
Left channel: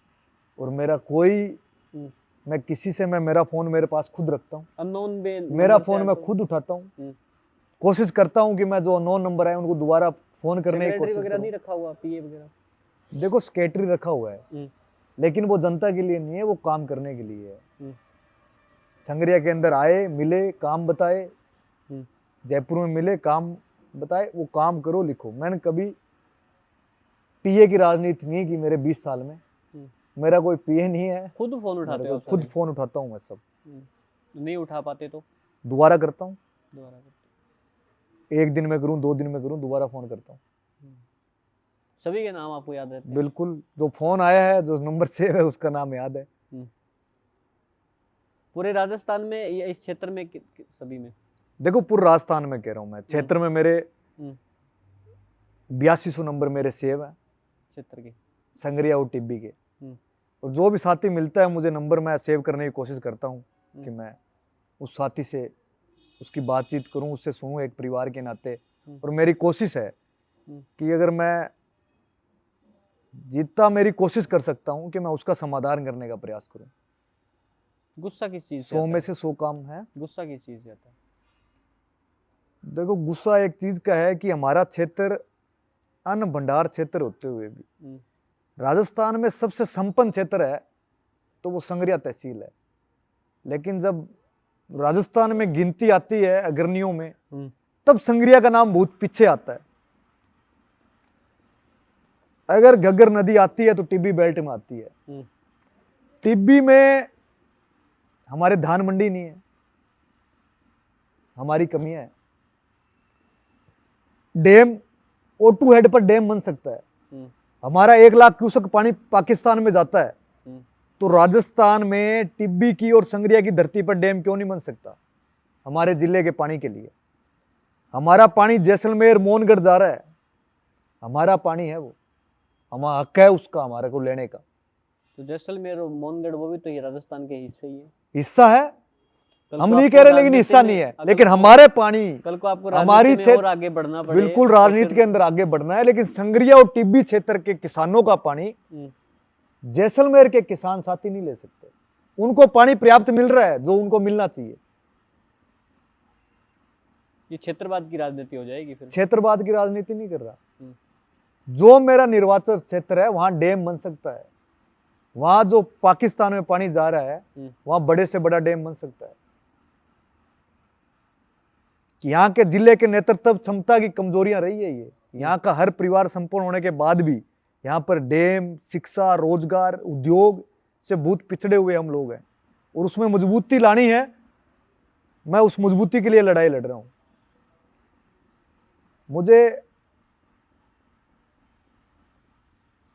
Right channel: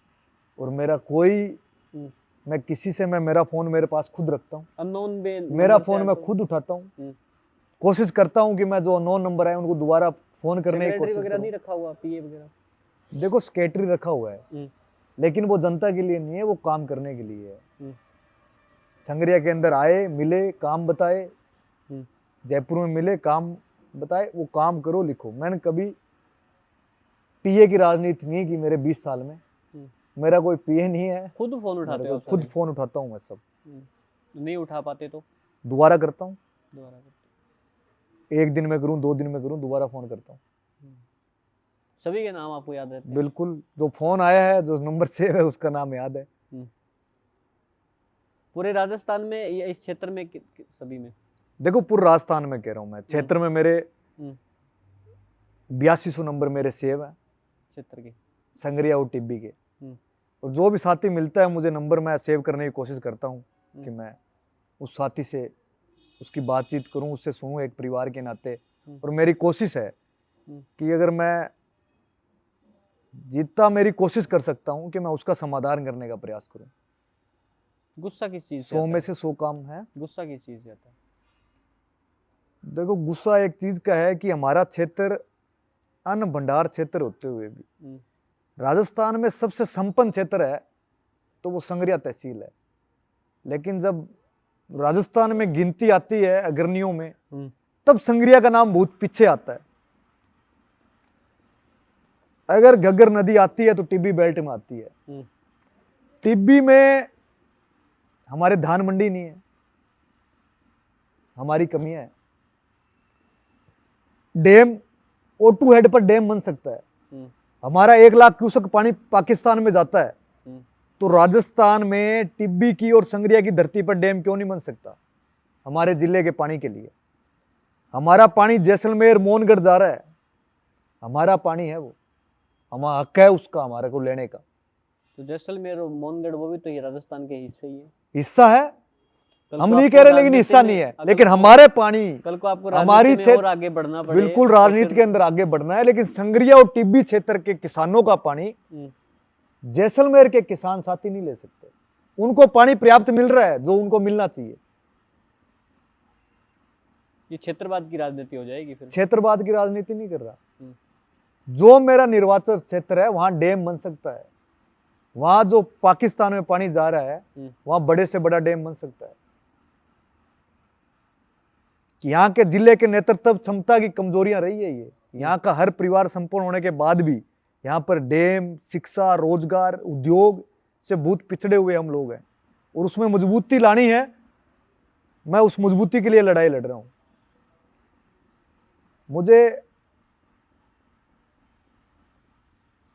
और मेरा कोई, मैं किसी से, मैं मेरा फोन मेरे पास खुद रखता हूँ। अननोन मेरा फोन मैं खुद उठाता हूँ। कोशिश करता हूँ कि मैं जो अननोन नंबर है उनको दोबारा फोन करने की कोशिश वगैरह करूँ। नहीं रखा हुआ, पीए वगैरह? देखो, सेक्रेटरी रखा हुआ है, लेकिन वो जनता के लिए नहीं है, वो काम करने के लिए है। संगरिया के अंदर आए, मिले, काम बताए, जयपुर में मिले, काम बताए, वो काम करो, लिखो। मैंने कभी पीए की राजनीति नहीं की मेरे 20 साल में। मेरा कोई पीए नहीं है। खुद फोन उठाते हो? खुद फोन उठाता हूँ मैं सब। नहीं उठा पाते तो दोबारा करता हूँ। दोबारा करते? एक दिन में करूँ, 2 दिन में करूँ, दोबारा फोन करता हूँ। सभी के नाम आपको याद रहते हैं? बिल्कुल, जो फोन आया है, जो नंबर सेव है, उसका नाम याद है। पूरे राजस्थान में या इस क्षेत्र में सभी में? देखो, पूरे राजस्थान में कह रहा हूँ मैं। क्षेत्र में मेरे 8200 नंबर मेरे सेव है, क्षेत्र के, संगरिया और टिब्बी के। और जो भी साथी मिलता है मुझे नंबर, मैं सेव करने की कोशिश करता हूँ कि मैं उस साथी से उसकी बातचीत करूँ, उससे सुनूँ एक परिवार के नाते। और मेरी कोशिश है कि अगर मैं जितना मेरी कोशिश कर सकता हूँ कि मैं उसका समाधान करने का प्रयास करूँ। गुस्सा किस चीज से? 100 में से 100 काम है। गुस्सा किस चीज से आता है? देखो, गुस्सा एक चीज का है कि हमारा क्षेत्र अन्न भंडार क्षेत्र होते हुए भी राजस्थान में सबसे संपन्न क्षेत्र है तो वो संगरिया तहसील है। लेकिन जब राजस्थान में गिनती आती है अग्रणियों में, तब संगरिया का नाम बहुत पीछे आता है। अगर घग्गर नदी आती है तो टिब्बी बेल्ट में आती है। टिब्बी में हमारे धान मंडी नहीं है, हमारी कमी है। डैम O2 हेड पर डैम बन सकता है। हमारा 1 लाख क्यूसेक पानी पाकिस्तान में जाता है, तो राजस्थान में टिब्बी की और संगरिया की धरती पर डैम क्यों नहीं बन सकता हमारे जिले के पानी के लिए? हमारा पानी जैसलमेर मोहनगढ़ जा रहा है, हमारा पानी है, वो हमारा हक है उसका, हमारे को लेने का। तो जैसलमेर और मोहनगढ़ वो भी तो ये राजस्थान के हिस्से ही है। हिस्सा है, हम नहीं कह रहे, लेकिन हिस्सा नहीं है। लेकिन हमारे पानी, कल को आपको हमारी राजनीति में और आगे बढ़ना पड़े, बिल्कुल राजनीति के अंदर आगे बढ़ना है। लेकिन संगरिया और टिब्बी क्षेत्र के किसानों का पानी जैसलमेर के किसान साथी नहीं ले सकते। उनको पानी पर्याप्त मिल रहा है जो उनको मिलना चाहिए। ये क्षेत्रवाद की राजनीति हो जाएगी फिर। क्षेत्रवाद की राजनीति नहीं कर रहा। हम्म। जो मेरा निर्वाचन क्षेत्र है वहां डैम बन सकता है, वहां जो पाकिस्तान में पानी जा रहा है वहां बड़े से बड़ा डैम बन सकता है। कि यहाँ के जिले के नेतृत्व क्षमता की कमजोरियां रही है। ये यहाँ का हर परिवार संपूर्ण होने के बाद भी यहाँ पर डैम, शिक्षा, रोजगार, उद्योग से बहुत पिछड़े हुए हम लोग हैं और उसमें मजबूती लानी है। मैं उस मजबूती के लिए लड़ाई लड़ रहा हूं। मुझे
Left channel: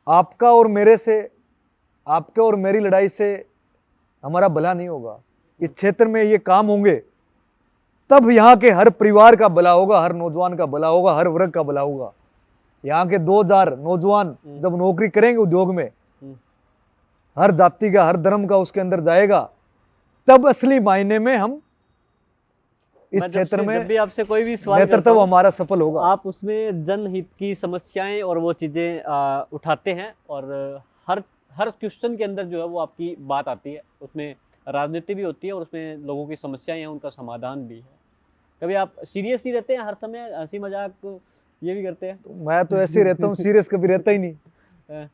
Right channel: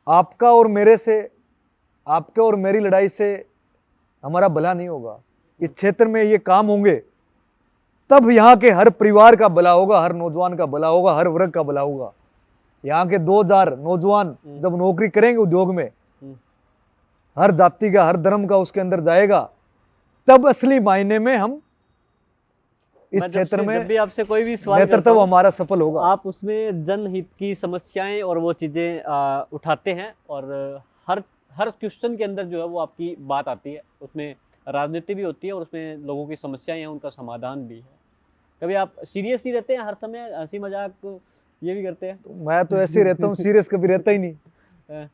आपका और मेरे से, आपके और मेरी लड़ाई से हमारा भला नहीं होगा। इस क्षेत्र में ये काम होंगे तब यहाँ के हर परिवार का भला होगा, हर नौजवान का भला होगा, हर वर्ग का भला होगा। यहाँ के 2000 नौजवान जब नौकरी करेंगे उद्योग में, हर जाति का, हर धर्म का उसके अंदर जाएगा, तब असली मायने में हम इस क्षेत्र में जब भी आपसे कोई भी सवाल करता नेतृत्व हूं, हमारा सफल होगा। आप उसमें जनहित की समस्याएं और वो चीजें उठाते हैं और हर हर क्वेश्चन के अंदर जो है वो आपकी बात आती है, उसमें राजनीति भी होती है और उसमें लोगों की समस्याएं हैं, उनका समाधान भी है। कभी आप सीरियस ही रहते हैं, हर समय हंसी मजाक ये भी करते हैं? तो मैं तो ऐसे ही रहता हूँ, सीरियस कभी रहता ही नहीं।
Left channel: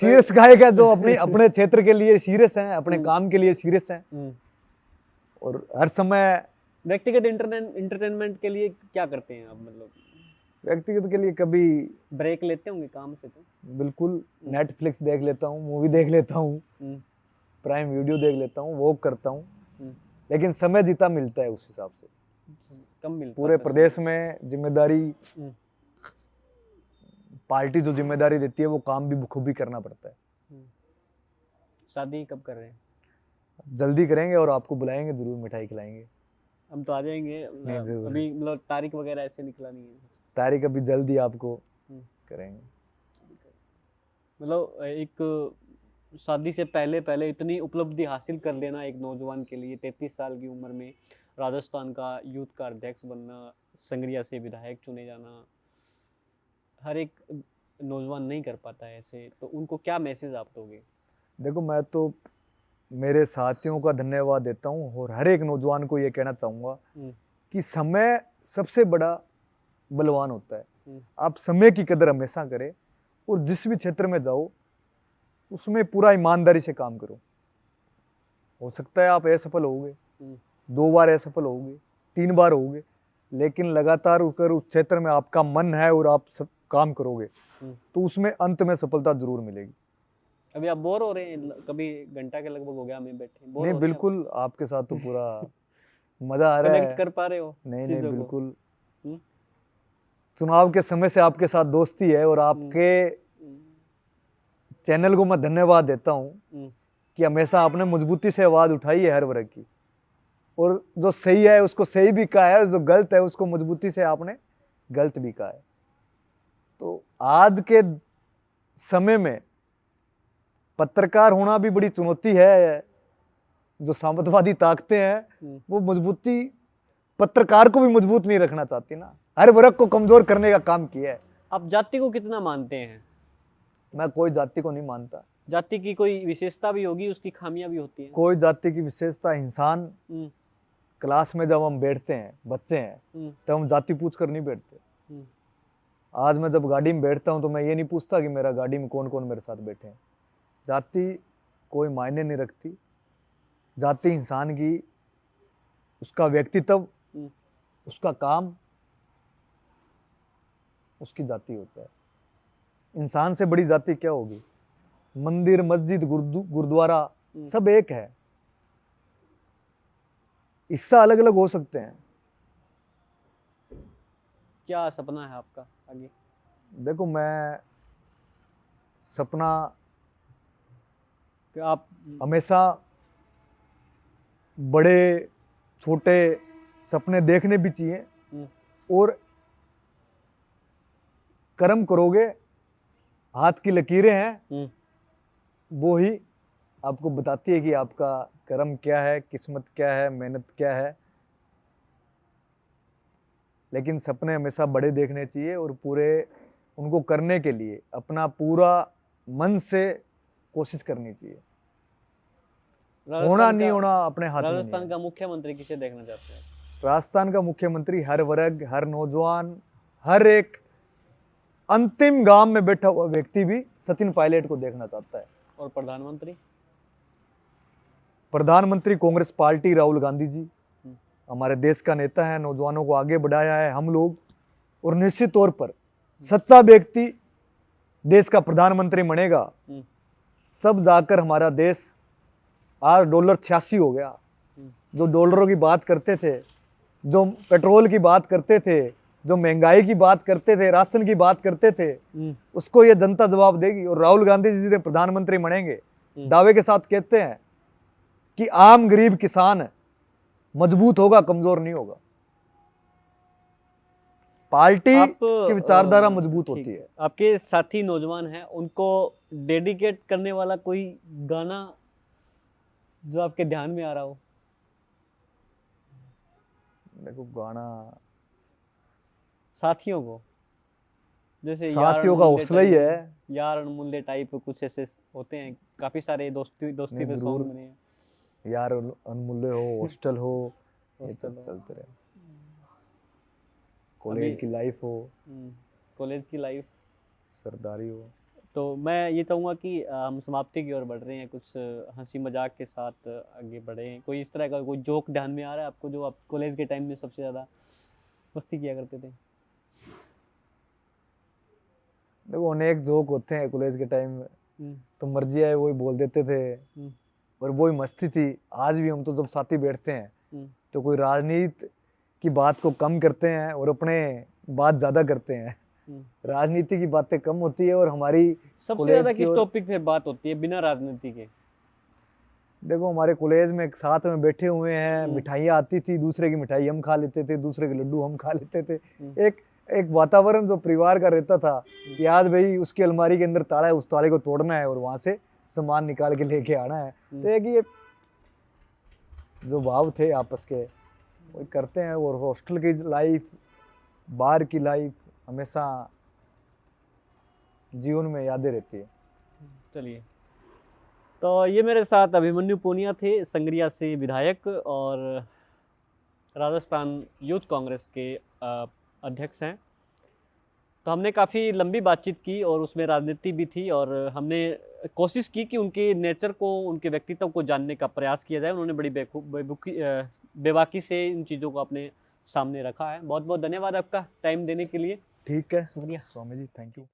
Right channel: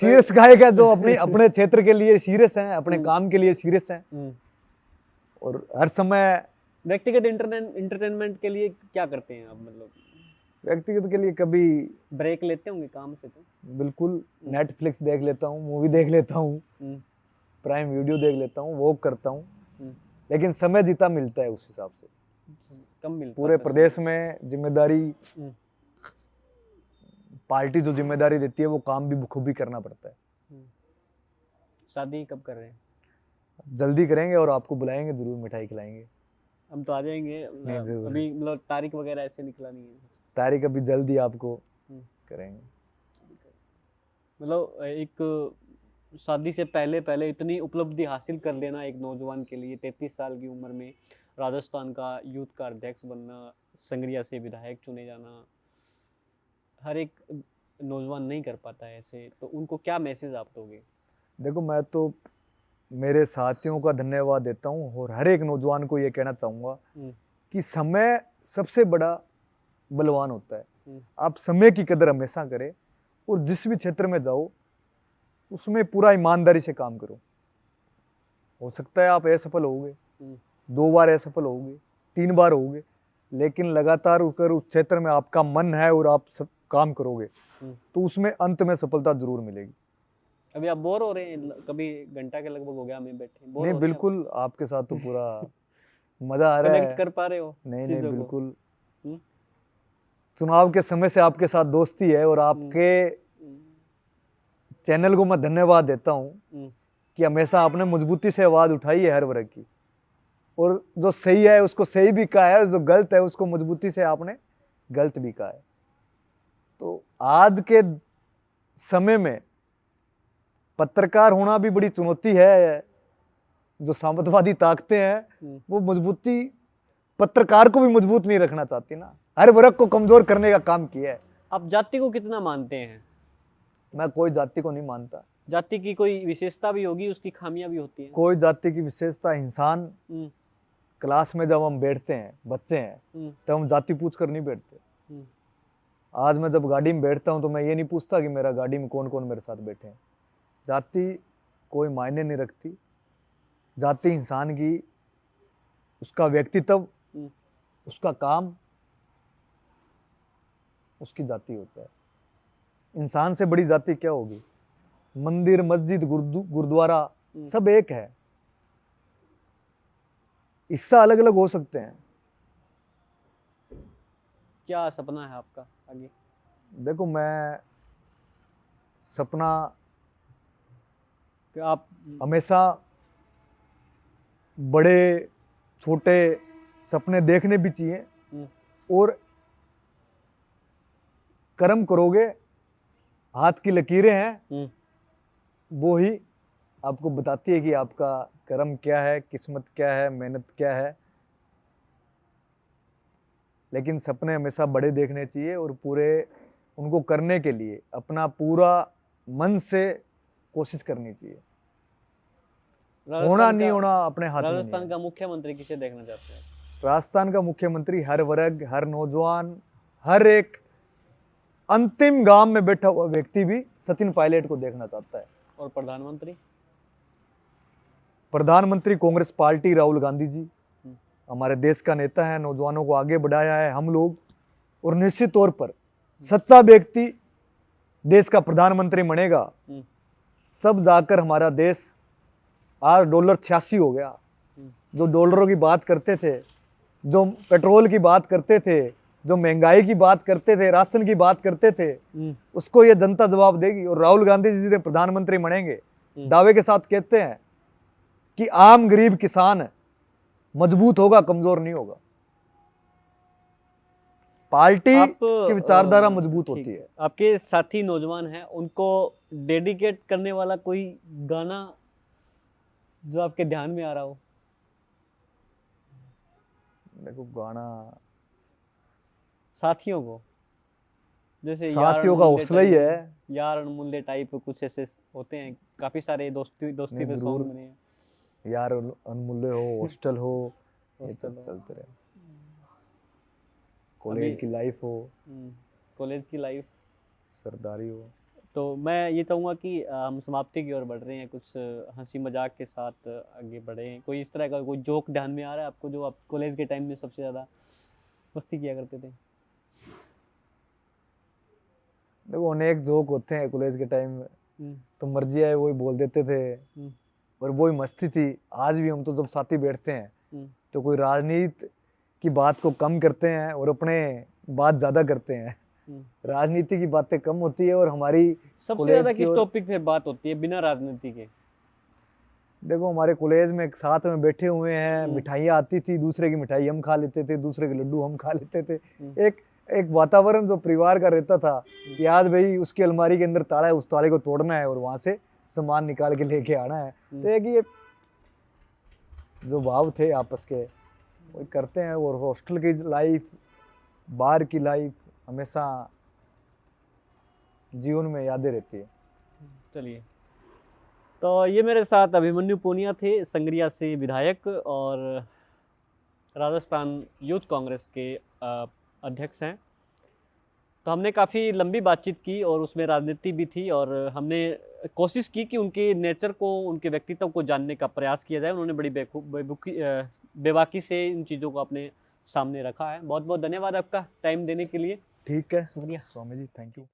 सीरियस गाय का जो अपने क्षेत्र के लिए सीरियस हैं, अपने काम के लिए सीरियस हैं और हर समय व्यक्तिगत इंटरटेनमेंट के लिए क्या करते हैं आप? मतलब व्यक्तिगत के लिए कभी ब्रेक लेते होंगे काम से? तो बिल्कुल नेटफ्लिक्स देख लेता हूँ, मूवी देख लेता हूँ, प्राइम वीडियो देख लेता हूँ, वॉक करता हूँ, लेकिन समय जितना मिलता है उस हिसाब से। कम मिलता पूरे प्रदेश में जिम्मेदारी, पार्टी जो जिम्मेदारी देती है वो काम भी बखूबी करना पड़ता है। शादी कब कर रहे हैं? जल्दी करेंगे और आपको बुलाएंगे, जरूर मिठाई खिलाएंगे। हम तो आ जाएंगे, अभी मतलब तारीख वगैरह ऐसे निकला नहीं है? तारीख अभी जल्दी आपको करेंगे। मतलब एक शादी से पहले पहले इतनी उपलब्धि हासिल कर लेना एक नौजवान के लिए, 33 साल की उम्र में राजस्थान का यूथ का अध्यक्ष बनना, संगरिया से विधायक चुने जाना, हर एक नौजवान नहीं कर पाता है ऐसे। तो उनको क्या मैसेज आप दोगे? देखो, मैं तो मेरे साथियों का धन्यवाद देता हूँ और हर एक नौजवान को ये कहना चाहूँगा कि समय सबसे बड़ा बलवान होता है। आप समय की कदर हमेशा करें और जिस भी क्षेत्र में जाओ उसमें पूरा ईमानदारी से काम करो। हो सकता है आप असफल होगे, 2 बार असफल होगे, 3 बार होगे, लेकिन लगातार उस क्षेत्र में आपका मन है और आप सब काम करोगे तो उसमें अंत में सफलता जरूर मिलेगी। अभी आप बोर हो रहे हैं? कभी घंटा के लगभग हो गया हमें बैठे। बोर नहीं, बिल्कुल आपके साथ तो पूरा मजा आ रहा है। कनेक्ट कर पा रहे हो? नहीं, बिल्कुल। चुनाव के समय से आपके साथ दोस्ती है और आपके चैनल को मैं धन्यवाद देता हूँ कि हमेशा आपने मजबूती से आवाज उठाई है हर वर्ग की, और जो सही है उसको सही भी कहा है, जो गलत है उसको मजबूती से आपने गलत भी कहा है। तो आज के समय में पत्रकार होना भी बड़ी चुनौती है। जो सामंतवादी ताकतें हैं वो मजबूती पत्रकार को भी मजबूत नहीं रखना चाहती ना, हर वर्ग को कमजोर करने का काम किया है। आप जाति को कितना मानते हैं? मैं कोई जाति को नहीं मानता। जाति की कोई विशेषता भी होगी, उसकी खामियां भी होती हैं। कोई जाति की विशेषता, इंसान क्लास में जब हम बैठते हैं, बच्चे हैं, तब हम जाति पूछ कर नहीं बैठते। आज मैं जब गाड़ी में बैठता हूं तो मैं ये नहीं पूछता कि मेरा गाड़ी में कौन कौन मेरे साथ बैठे हैं। जाति कोई मायने नहीं रखती। जाति इंसान की, उसका व्यक्तित्व, उसका काम, उसकी जाति होता है। इंसान से बड़ी जाति क्या होगी? मंदिर, मस्जिद, गुरुद्वारा सब एक है, हिस्सा अलग अलग हो सकते हैं। क्या सपना है आपका आगे? देखो, मैं सपना कि आप हमेशा बड़े छोटे सपने देखने भी चाहिए, और कर्म करोगे, हाथ की लकीरें हैं वो ही आपको बताती है कि आपका कर्म क्या है, किस्मत क्या है, मेहनत क्या है। लेकिन सपने हमेशा बड़े देखने चाहिए और पूरे उनको करने के लिए अपना पूरा मन से कोशिश करनी चाहिए। होना नहीं होना अपने हाथ में नहीं है। राजस्थान का मुख्यमंत्री किसे देखना चाहते हैं? राजस्थान का मुख्यमंत्री हर वर्ग, हर नौजवान, हर एक अंतिम गांव में बैठा हुआ व्यक्ति भी सचिन पायलट को देखना चाहता है। और प्रधानमंत्री? प्रधानमंत्री कांग्रेस पार्टी, राहुल गांधी जी हम्म। हमारे देश का नेता है, नौजवानों को आगे बढ़ाया है हम लोग, और निश्चित तौर पर सच्चा व्यक्ति देश का प्रधानमंत्री बनेगा, हम्म। तब जाकर हमारा देश, आज डॉलर 86 हो गया, जो डॉलरों की बात करते थे, जो पेट्रोल की बात करते थे, जो महंगाई की बात करते थे, राशन की बात करते थे, उसको ये जनता जवाब देगी। और राहुल गांधी जी ने प्रधानमंत्री बनेंगे, दावे के साथ कहते हैं कि आम गरीब किसान मजबूत होगा, कमजोर नहीं होगा। पार्टी की विचारधारा मजबूत ठीक होती है। आपके साथी नौजवान हैं, उनको डेडिकेट करने वाला कोई गाना जो आपके ध्यान में आ रहा हो? देखो, गाना साथियों को, जैसे साथियों का हौसला ही है। यार अनमूल्य टाइप कुछ ऐसे होते हैं, काफी सारे दोस्ती पे जरूर। सॉन्ग बने हैं। यार अनमूल्य हो, हॉस्टल हो, ये हॉस्टल सब हो। चलते रहे, कॉलेज की लाइफ हो, कॉलेज की लाइफ। सरदारी हो। तो मैं ये चाहूँगा कि हम समाप्ति की ओर बढ़ रहे हैं, कुछ हंसी मजाक के साथ आगे बढ़े। कोई इस तरह का कोई जोक ध्यान में आ रहा है आपको जो आप कॉलेज के टाइम में सबसे ज़्यादा मस्ती किया करते थे? देखो, अनेक जोक होते हैं कॉलेज के टाइम में, तो मर्जी आए वही बोल देते थे, और वही मस्ती थी। आज भी हम तो जब साथी बैठते हैं तो कोई राजनीति की बात को कम करते हैं और अपने बात ज्यादा करते हैं। राजनीति की बातें कम होती है और हमारी सबसे ज्यादा किस टॉपिक पे बात होती है बिना राजनीति के? देखो, हमारे कॉलेज में एक साथ में बैठे हुए हैं, मिठाइयाँ आती थी, दूसरे की मिठाई हम खा लेते थे, दूसरे के लड्डू हम खा लेते थे। एक वातावरण जो परिवार का रहता था कि आज भाई उसकी अलमारी के अंदर ताला है, उस ताले को तोड़ना है और वहां से सामान निकाल के लेके आना है। तो एक ये जो भाव थे आपस के, वो करते हैं। और हॉस्टल की लाइफ, बाहर की लाइफ हमेशा जीवन में यादें रहती है। चलिए, तो ये मेरे साथ अभिमन्यु पूनिया थे, संगरिया से विधायक और राजस्थान यूथ कांग्रेस के अध्यक्ष हैं। तो हमने काफ़ी लंबी बातचीत की और उसमें राजनीति भी थी, और हमने कोशिश की कि उनके नेचर को, उनके व्यक्तित्व को जानने का प्रयास किया जाए। उन्होंने बड़ी बेबाकी से इन चीज़ों को अपने सामने रखा है। बहुत बहुत धन्यवाद आपका टाइम देने के लिए। ठीक है, शुक्रिया स्वामी जी, थैंक यू।